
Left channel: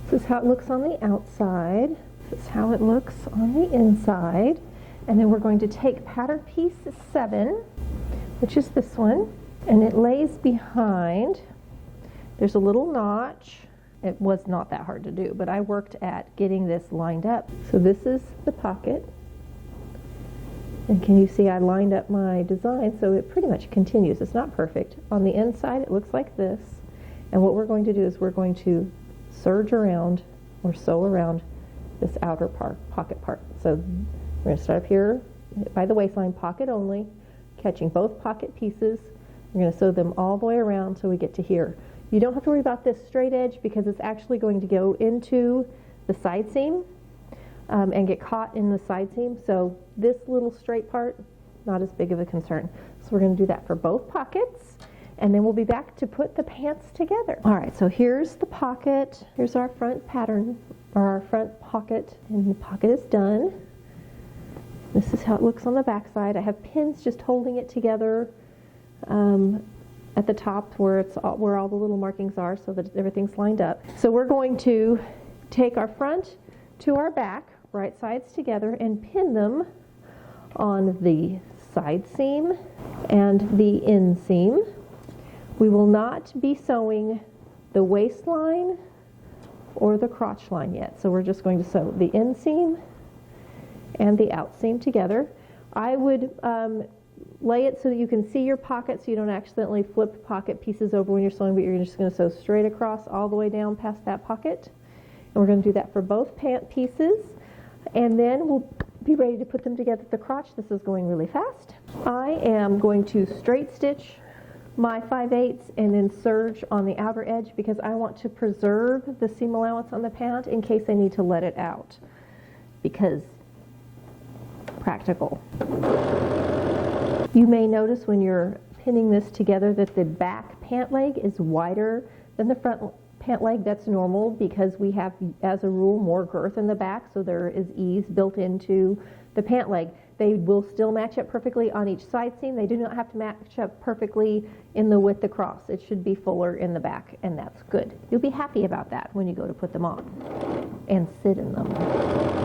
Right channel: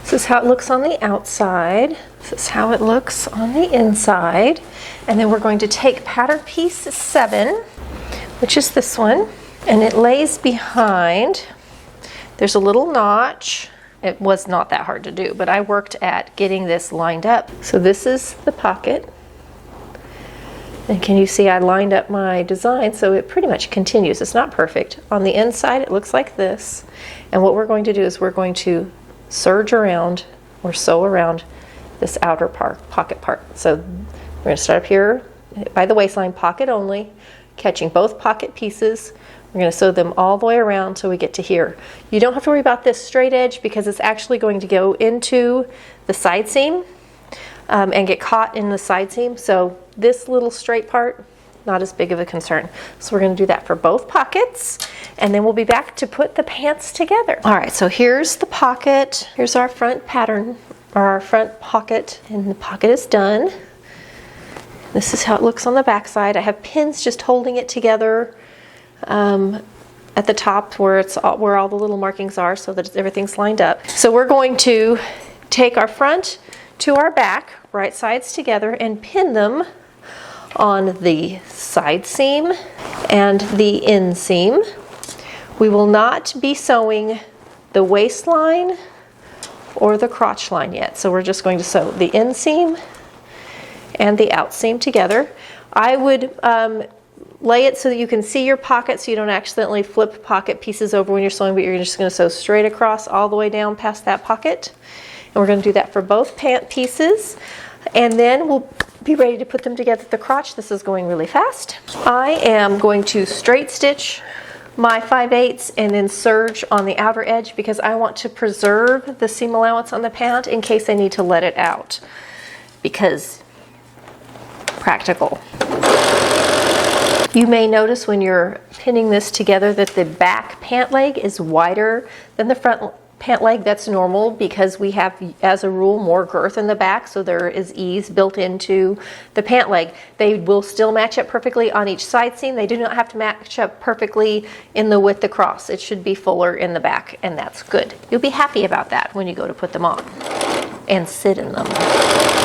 This is how it looks on the outside. This is how it looks on the inside. And then we're going to take pattern piece 7, which is this one, and it lays behind. There's a little notch. It was not that hard to do, but I worked at getting this lined up. So this is the pocket. And can you see I lined up my design so it pretty much continues. It's not perfect. On the inside it looks like this. And what we're going to do is we're going to serge around or sew around this outer pocket part. So we're going to start up here by the waistline, pocket only, catching both pocket pieces. We're going to sew them all the way around till we get to here. You don't have to worry about this straight edge because it's actually going to go into the side seam and get caught in the side seam. So this little straight part, not as big of a concern. So we're going to do that for both pockets, and then we'll be back to put the pants together. All right, so here's the pocket. Here's our front pattern, or our front pocket, and the pocket is done. This is how it looks on the back side. I have pins just holding it together at the top where all the little markings are so that everything's lined up. So we're going to take our front to our back, right sides together, and pin them on the side seam and the inseam. We will not be sewing the waistline or the crotch line yet, so we're just going to sew the inseam and the outseam together. I would lay it so that you can see your pocket so you don't accidentally flip pocket pieces over when you're sewing, but you're just going to sew straight across all the way down past that pocket. And we're going to do that for both pant pieces, and then we'll be ready to put them together at the crotch. This is going really fast. I am going to straight stitch my 5/8 and then serge on the outer edge because I want to preserve the seam allowance on the pant in case I need to let it out, because practical. You may notice when you're pinning this together that the back pant leg is wider than the front pant leg. That's normal because we have, as a rule, more girth in the back, so there is ease built into the pant leg. They will still match up perfectly on each side seam. They do not have to match up perfectly in the width across. It should be fuller in the back, and that's good. You'll be happy about that when you go to put them on and sit in them.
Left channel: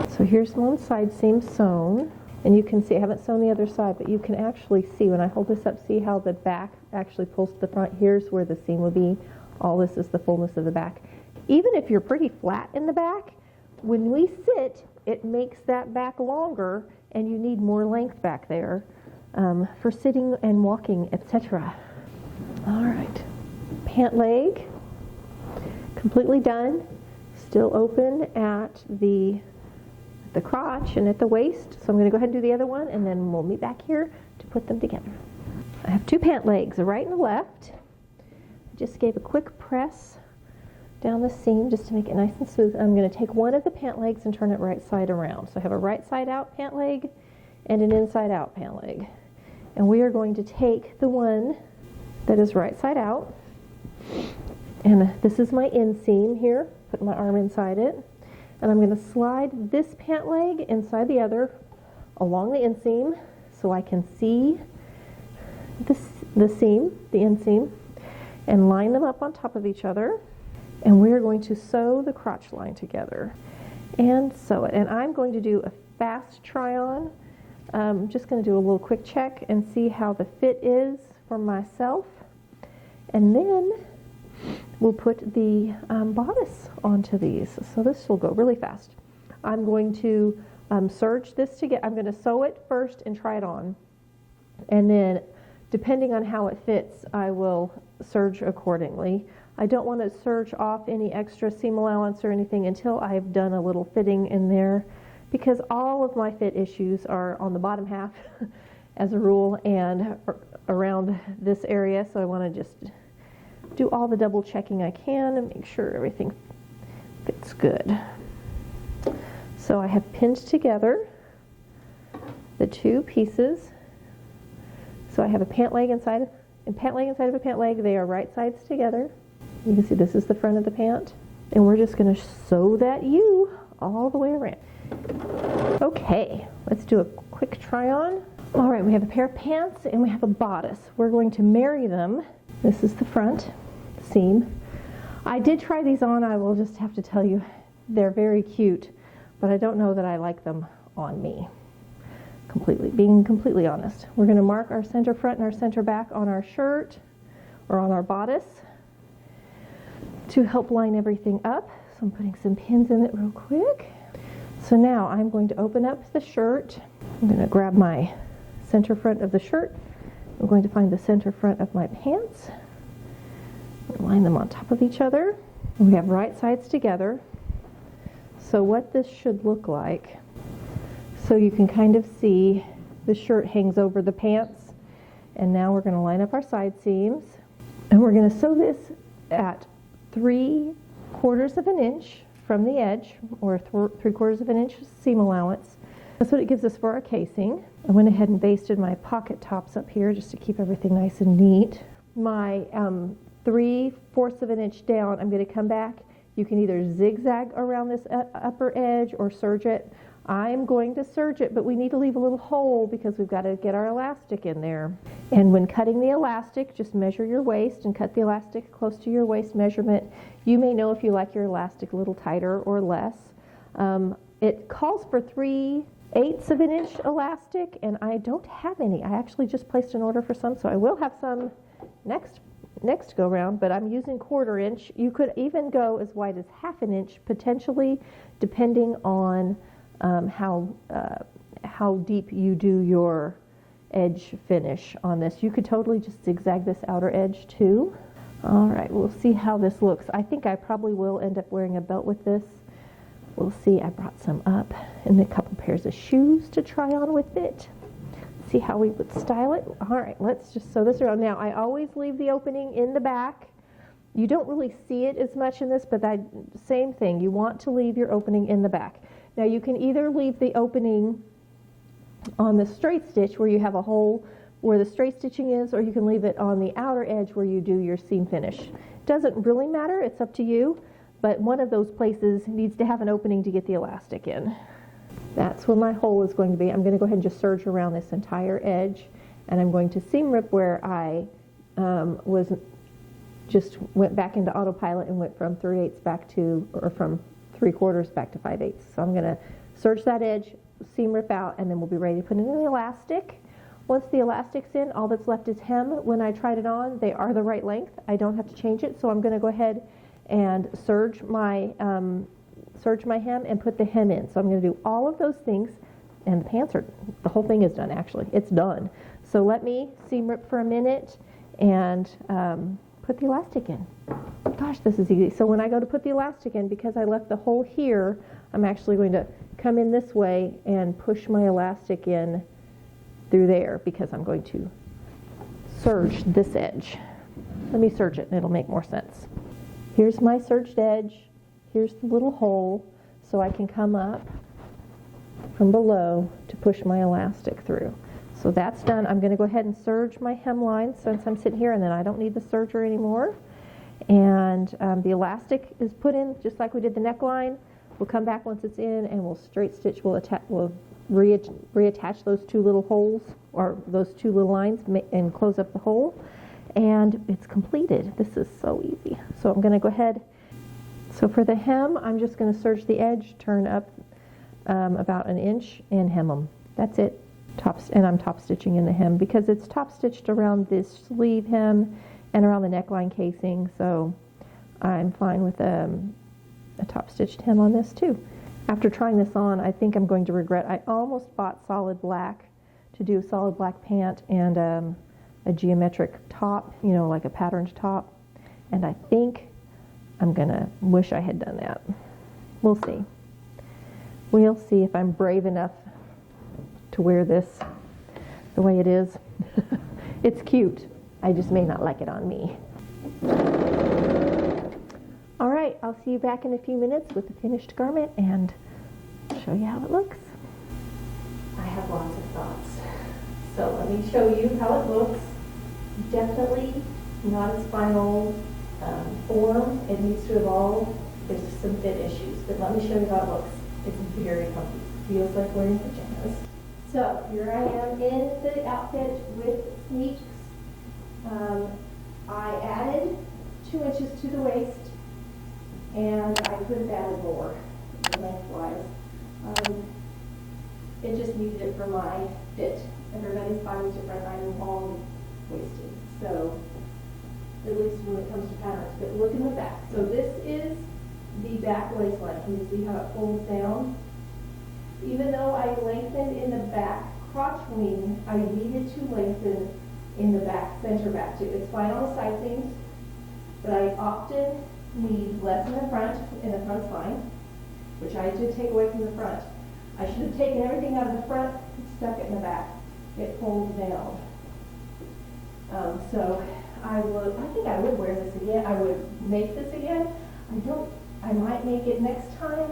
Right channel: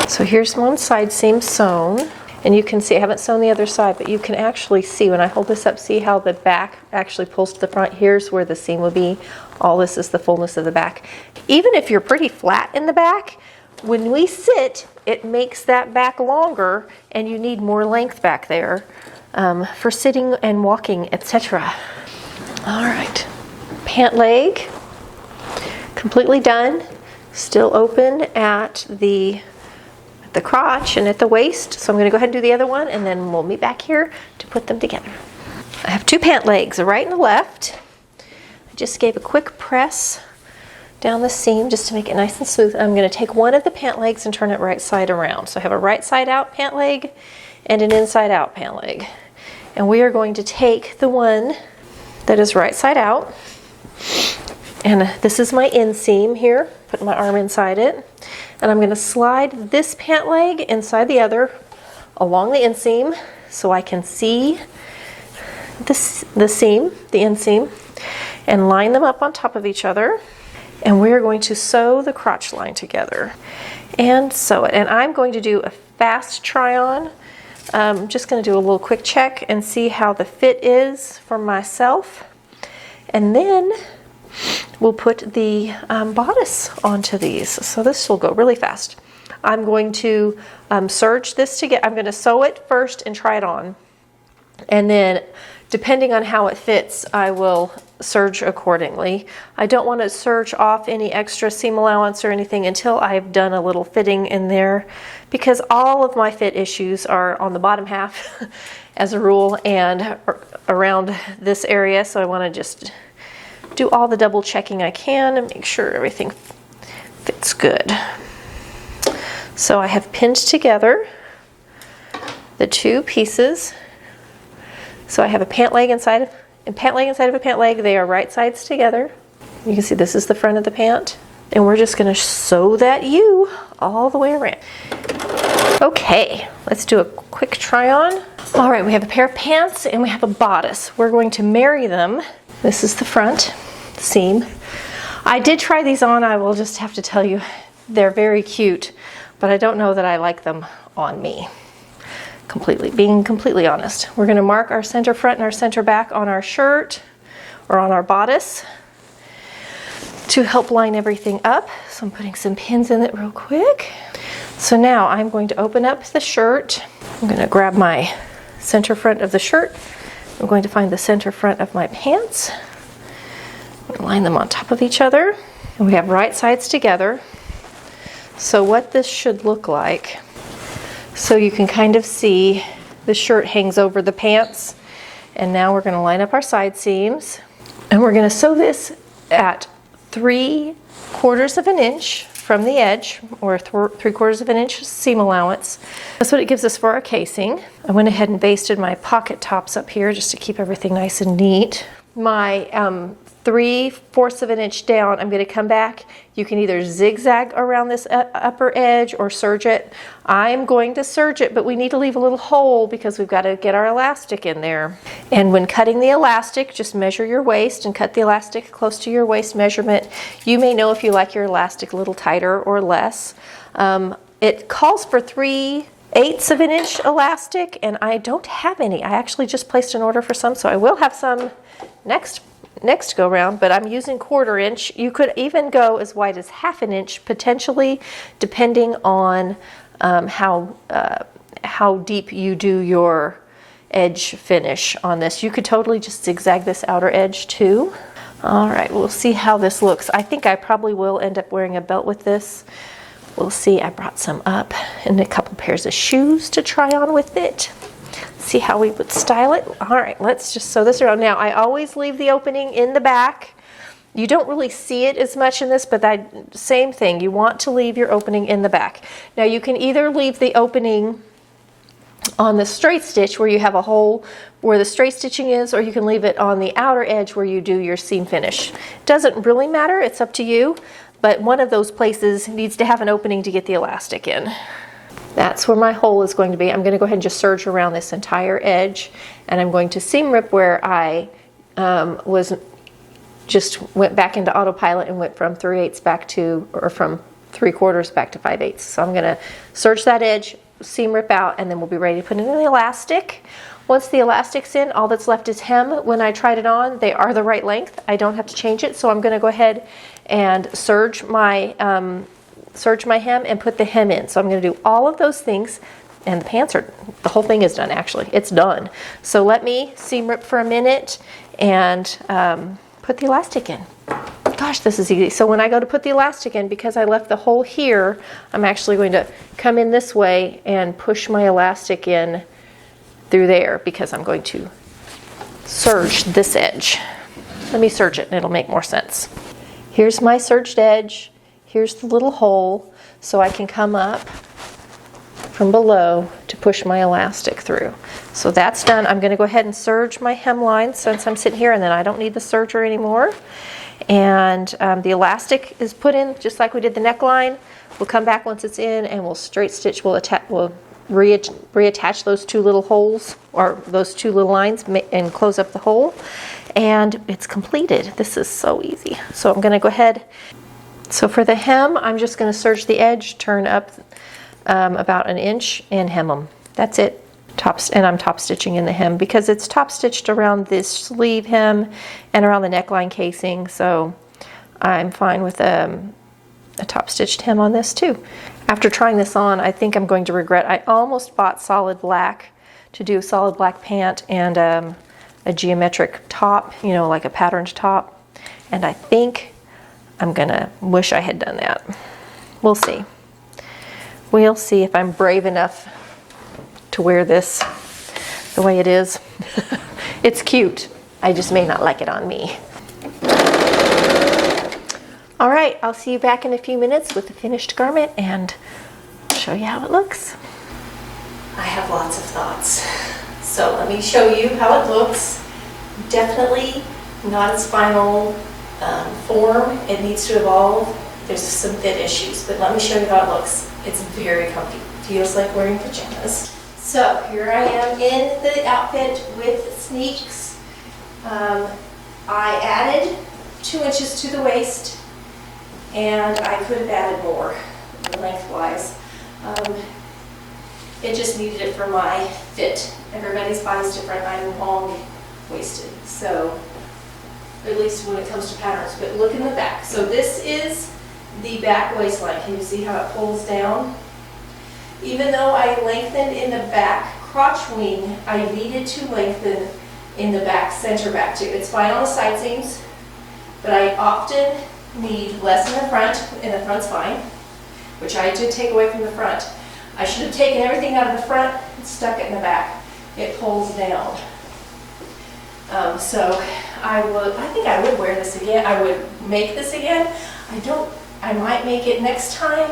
So here's one side seam sewn. And you can see, I haven't sewn the other side, but you can actually see when I hold this up, see how the back actually pulls to the front. Here's where the seam will be. All this is the fullness of the back. Even if you're pretty flat in the back, when we sit, it makes that back longer and you need more length back there for sitting and walking, etc. All right, pant leg, completely done. Still open at the crotch and at the waist. So I'm going to go ahead and do the other one, and then we'll meet back here to put them together. I have two pant legs, a right and a left. I just gave a quick press down the seam just to make it nice and smooth. I'm going to take one of the pant legs and turn it right side around. So I have a right side out pant leg and an inside out pant leg. And we are going to take the one that is right side out, and this is my inseam here, put my arm inside it. And I'm going to slide this pant leg inside the other along the inseam so I can see the inseam, and line them up on top of each other. And we're going to sew the crotch line together and sew it. And I'm going to do a fast try on. I'm just going to do a little quick check and see how the fit is for myself. And then we'll put the bodice onto these. So this will go really fast. I'm going to serge this together. I'm going to sew it first and try it on. And then depending on how it fits, I will serge accordingly. I don't want to serge off any extra seam allowance or anything until I've done a little fitting in there, because all of my fit issues are on the bottom half as a rule and around this area. So I want to just do all the double checking I can and make sure everything fits good. So I have pinned together the two pieces. So I have a pant leg inside of a pant leg. They are right sides together. You can see this is the front of the pant. And we're just going to sew that U all the way around. Okay, let's do a quick try on. All right, we have a pair of pants and we have a bodice. We're going to marry them. This is the front seam. I did try these on. I will just have to tell you, they're very cute, but I don't know that I like them on me. Being completely honest. We're going to mark our center front and our center back on our shirt or on our bodice to help line everything up. So I'm putting some pins in it real quick. So now I'm going to open up the shirt. I'm going to grab my center front of the shirt. I'm going to find the center front of my pants. Line them on top of each other. And we have right sides together. So what this should look like, so you can kind of see the shirt hangs over the pants. And now we're going to line up our side seams. And we're going to sew this at 3/4 of an inch from the edge, or 3/4 of an inch seam allowance. That's what it gives us for our casing. I went ahead and basted my pocket tops up here just to keep everything nice and neat. My 3/4 of an inch down, I'm going to come back. You can either zigzag around this upper edge or serge it. I'm going to serge it, but we need to leave a little hole because we've got to get our elastic in there. And when cutting the elastic, just measure your waist and cut the elastic close to your waist measurement. You may know if you like your elastic a little tighter or less. It calls for 3/8 of an inch elastic, and I don't have any. I actually just placed an order for some, so I will have some next go round, but I'm using 1/4 inch. You could even go as wide as 1/2 an inch potentially, depending on how deep you do your edge finish on this. You could totally just zigzag this outer edge too. All right, we'll see how this looks. I think I probably will end up wearing a belt with this. We'll see. I brought some up and a couple pairs of shoes to try on with it. see how we would style it. All right, let's just sew this around. Now, I always leave the opening in the back. You don't really see it as much in this, but that same thing. You want to leave your opening in the back. Now, you can either leave the opening on the straight stitch where you have a hole where the straight stitching is, or you can leave it on the outer edge where you do your seam finish. Doesn't really matter, it's up to you, but one of those places needs to have an opening to get the elastic in. That's where my hole is going to be. I'm going to go ahead and just serge around this entire edge, and I'm going to seam rip where I went back into autopilot and went from 3/8 back to, or from 3/4 back to 5/8. So I'm going to serge that edge, seam rip out, and then we'll be ready to put in the elastic. Once the elastic's in, all that's left is hem. When I tried it on, they are the right length. I don't have to change it, so I'm going to go ahead and serge my hem and put the hem in. So I'm going to do all of those things, and the pants are, the whole thing is done actually. It's done. So let me seam rip for a minute and put the elastic in. Gosh, this is easy. So when I go to put the elastic in, because I left the hole here, I'm actually going to come in this way and push my elastic in through there, because I'm going to serge this edge. Let me serge it and it'll make more sense. Here's my serged edge. Here's the little hole, so I can come up from below to push my elastic through. So that's done. I'm going to go ahead and serge my hemline since I'm sitting here, and then I don't need the serger anymore. And the elastic is put in just like we did the neckline. We'll come back once it's in and we'll straight stitch, we'll reattach those two little holes, or those two little lines, and close up the hole. And it's completed. This is so easy. So I'm going to go ahead. So for the hem, I'm just going to serge the edge, turn up about an inch, and hem them. That's it. And I'm top stitching in the hem because it's top stitched around this sleeve hem and around the neckline casing, so I'm fine with a top stitched hem on this too. After trying this on, I think I'm going to regret. I almost bought solid black to do a solid black pant and a geometric top, you know, like a patterned top, and I think I'm gonna wish I had done that. We'll see. We'll see if I'm brave enough to wear this the way it is. It's cute. I just may not like it on me. All right, I'll see you back in a few minutes with the finished garment and show you how it looks. I have lots of thoughts. So let me show you how it looks. Definitely not its final form. It needs to evolve. There's some fit issues, but let me show you how it looks. It's very comfy. Feels like wearing pajamas. So here I am in the outfit with sneaks. I added 2 inches to the waist, and I could have added more lengthwise. It just needed it for my fit. Everybody's body's different. I'm long-waisted, so at least when it comes to patterns. But look in the back. So this is the back waistline. Can you see how it pulls down? Even though I lengthened in the back crotch wing, I needed to lengthen in the back center back too. It's fine on the side seams, but I often need less in the front, and the front's fine, which I did take away from the front. I should have taken everything out of the front and stuck it in the back. It pulls down. So I think I would wear this again. I would make this again. I might make it next time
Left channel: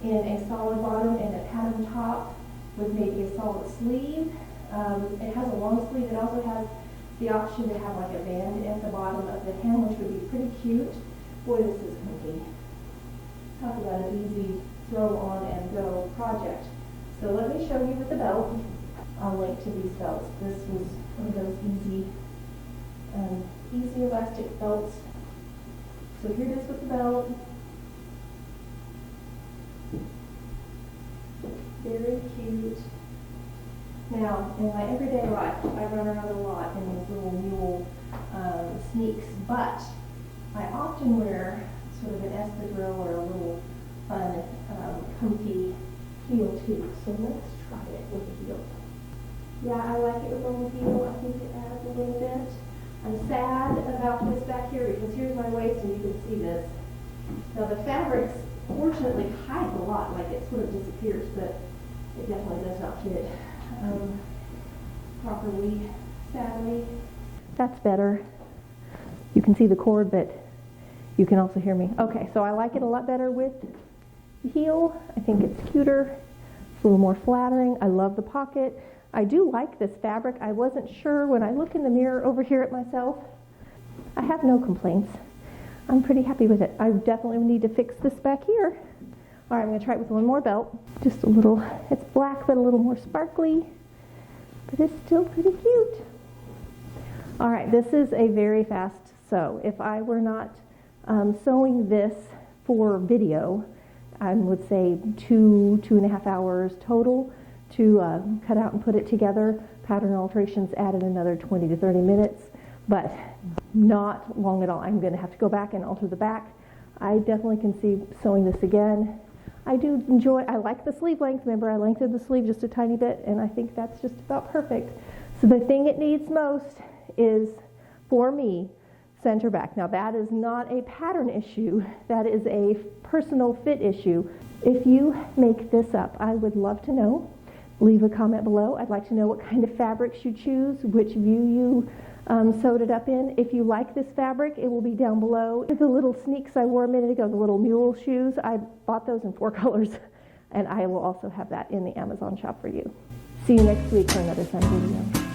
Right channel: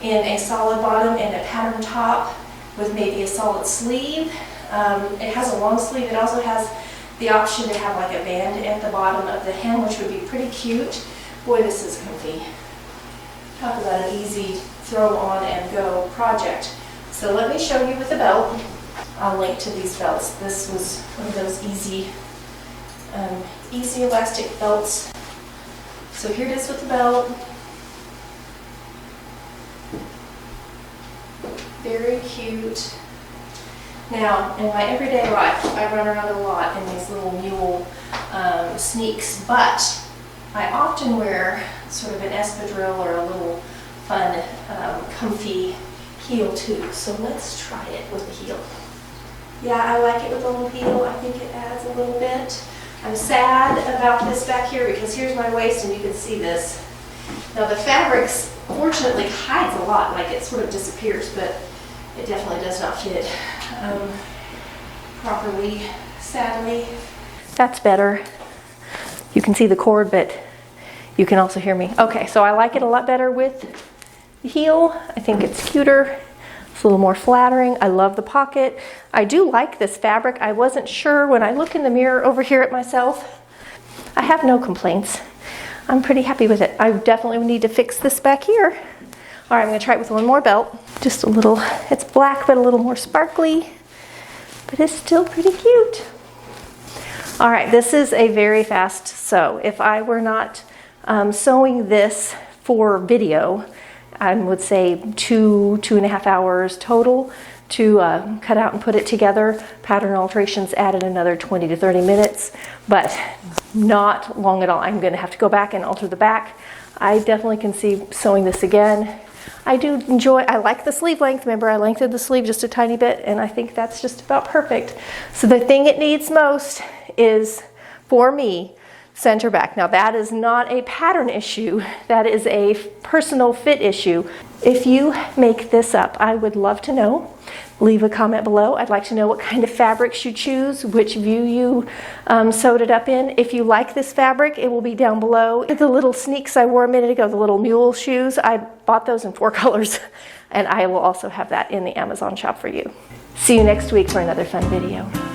in a solid bottom and a pattern top with maybe a solid sleeve. It has a long sleeve. It also has the option to have like a band at the bottom of the hem, which would be pretty cute. Boy, this is comfy. Talk about an easy throw on and go project. So let me show you with the belt. I'll link to these belts. This was one of those easy elastic belts. So here it is with the belt. Very cute. Now, in my everyday life, I run around a lot in these little mule sneaks, but I often wear sort of an espadrille or a little fun, comfy heel too. So let's try it with the heel. Yeah, I like it with a little heel. I think it adds a little bit. I'm sad about this back here because here's my waist and you can see this. Now the fabrics fortunately hides a lot, like it sort of disappears, but it definitely does not fit. properly, sadly. That's better. You can see the cord, but you can also hear me. Okay, so I like it a lot better with the heel. I think it's cuter. It's a little more flattering. I love the pocket. I do like this fabric. I wasn't sure when I look in the mirror over here at myself. I have no complaints. I'm pretty happy with it. I definitely need to fix this back here. All right, I'm gonna try it with one more belt. Just a little, it's black, but a little more sparkly, but it's still pretty cute. All right, this is a very fast sew. If I were not sewing this for video, I would say 2.5 hours total to cut out and put it together. Pattern Alterations added another 20 to 30 minutes, but not long at all. I'm gonna have to go back and alter the back. I definitely can see sewing this again. I do enjoy, I like the sleeve length. Remember, I lengthened the sleeve just a tiny bit, and I think that's just about perfect. So the thing it needs most is, for me, center back. Now that is not a pattern issue, that is a personal fit issue. If you make this up, I would love to know. Leave a comment below. I'd like to know what kind of fabrics you choose, which view you sewed it up in. If you like this fabric, it will be down below. The little sneaks I wore a minute ago, the little mule shoes, I bought those in 4 colors, and I will also have that in the Amazon shop for you. See you next week for another fun video.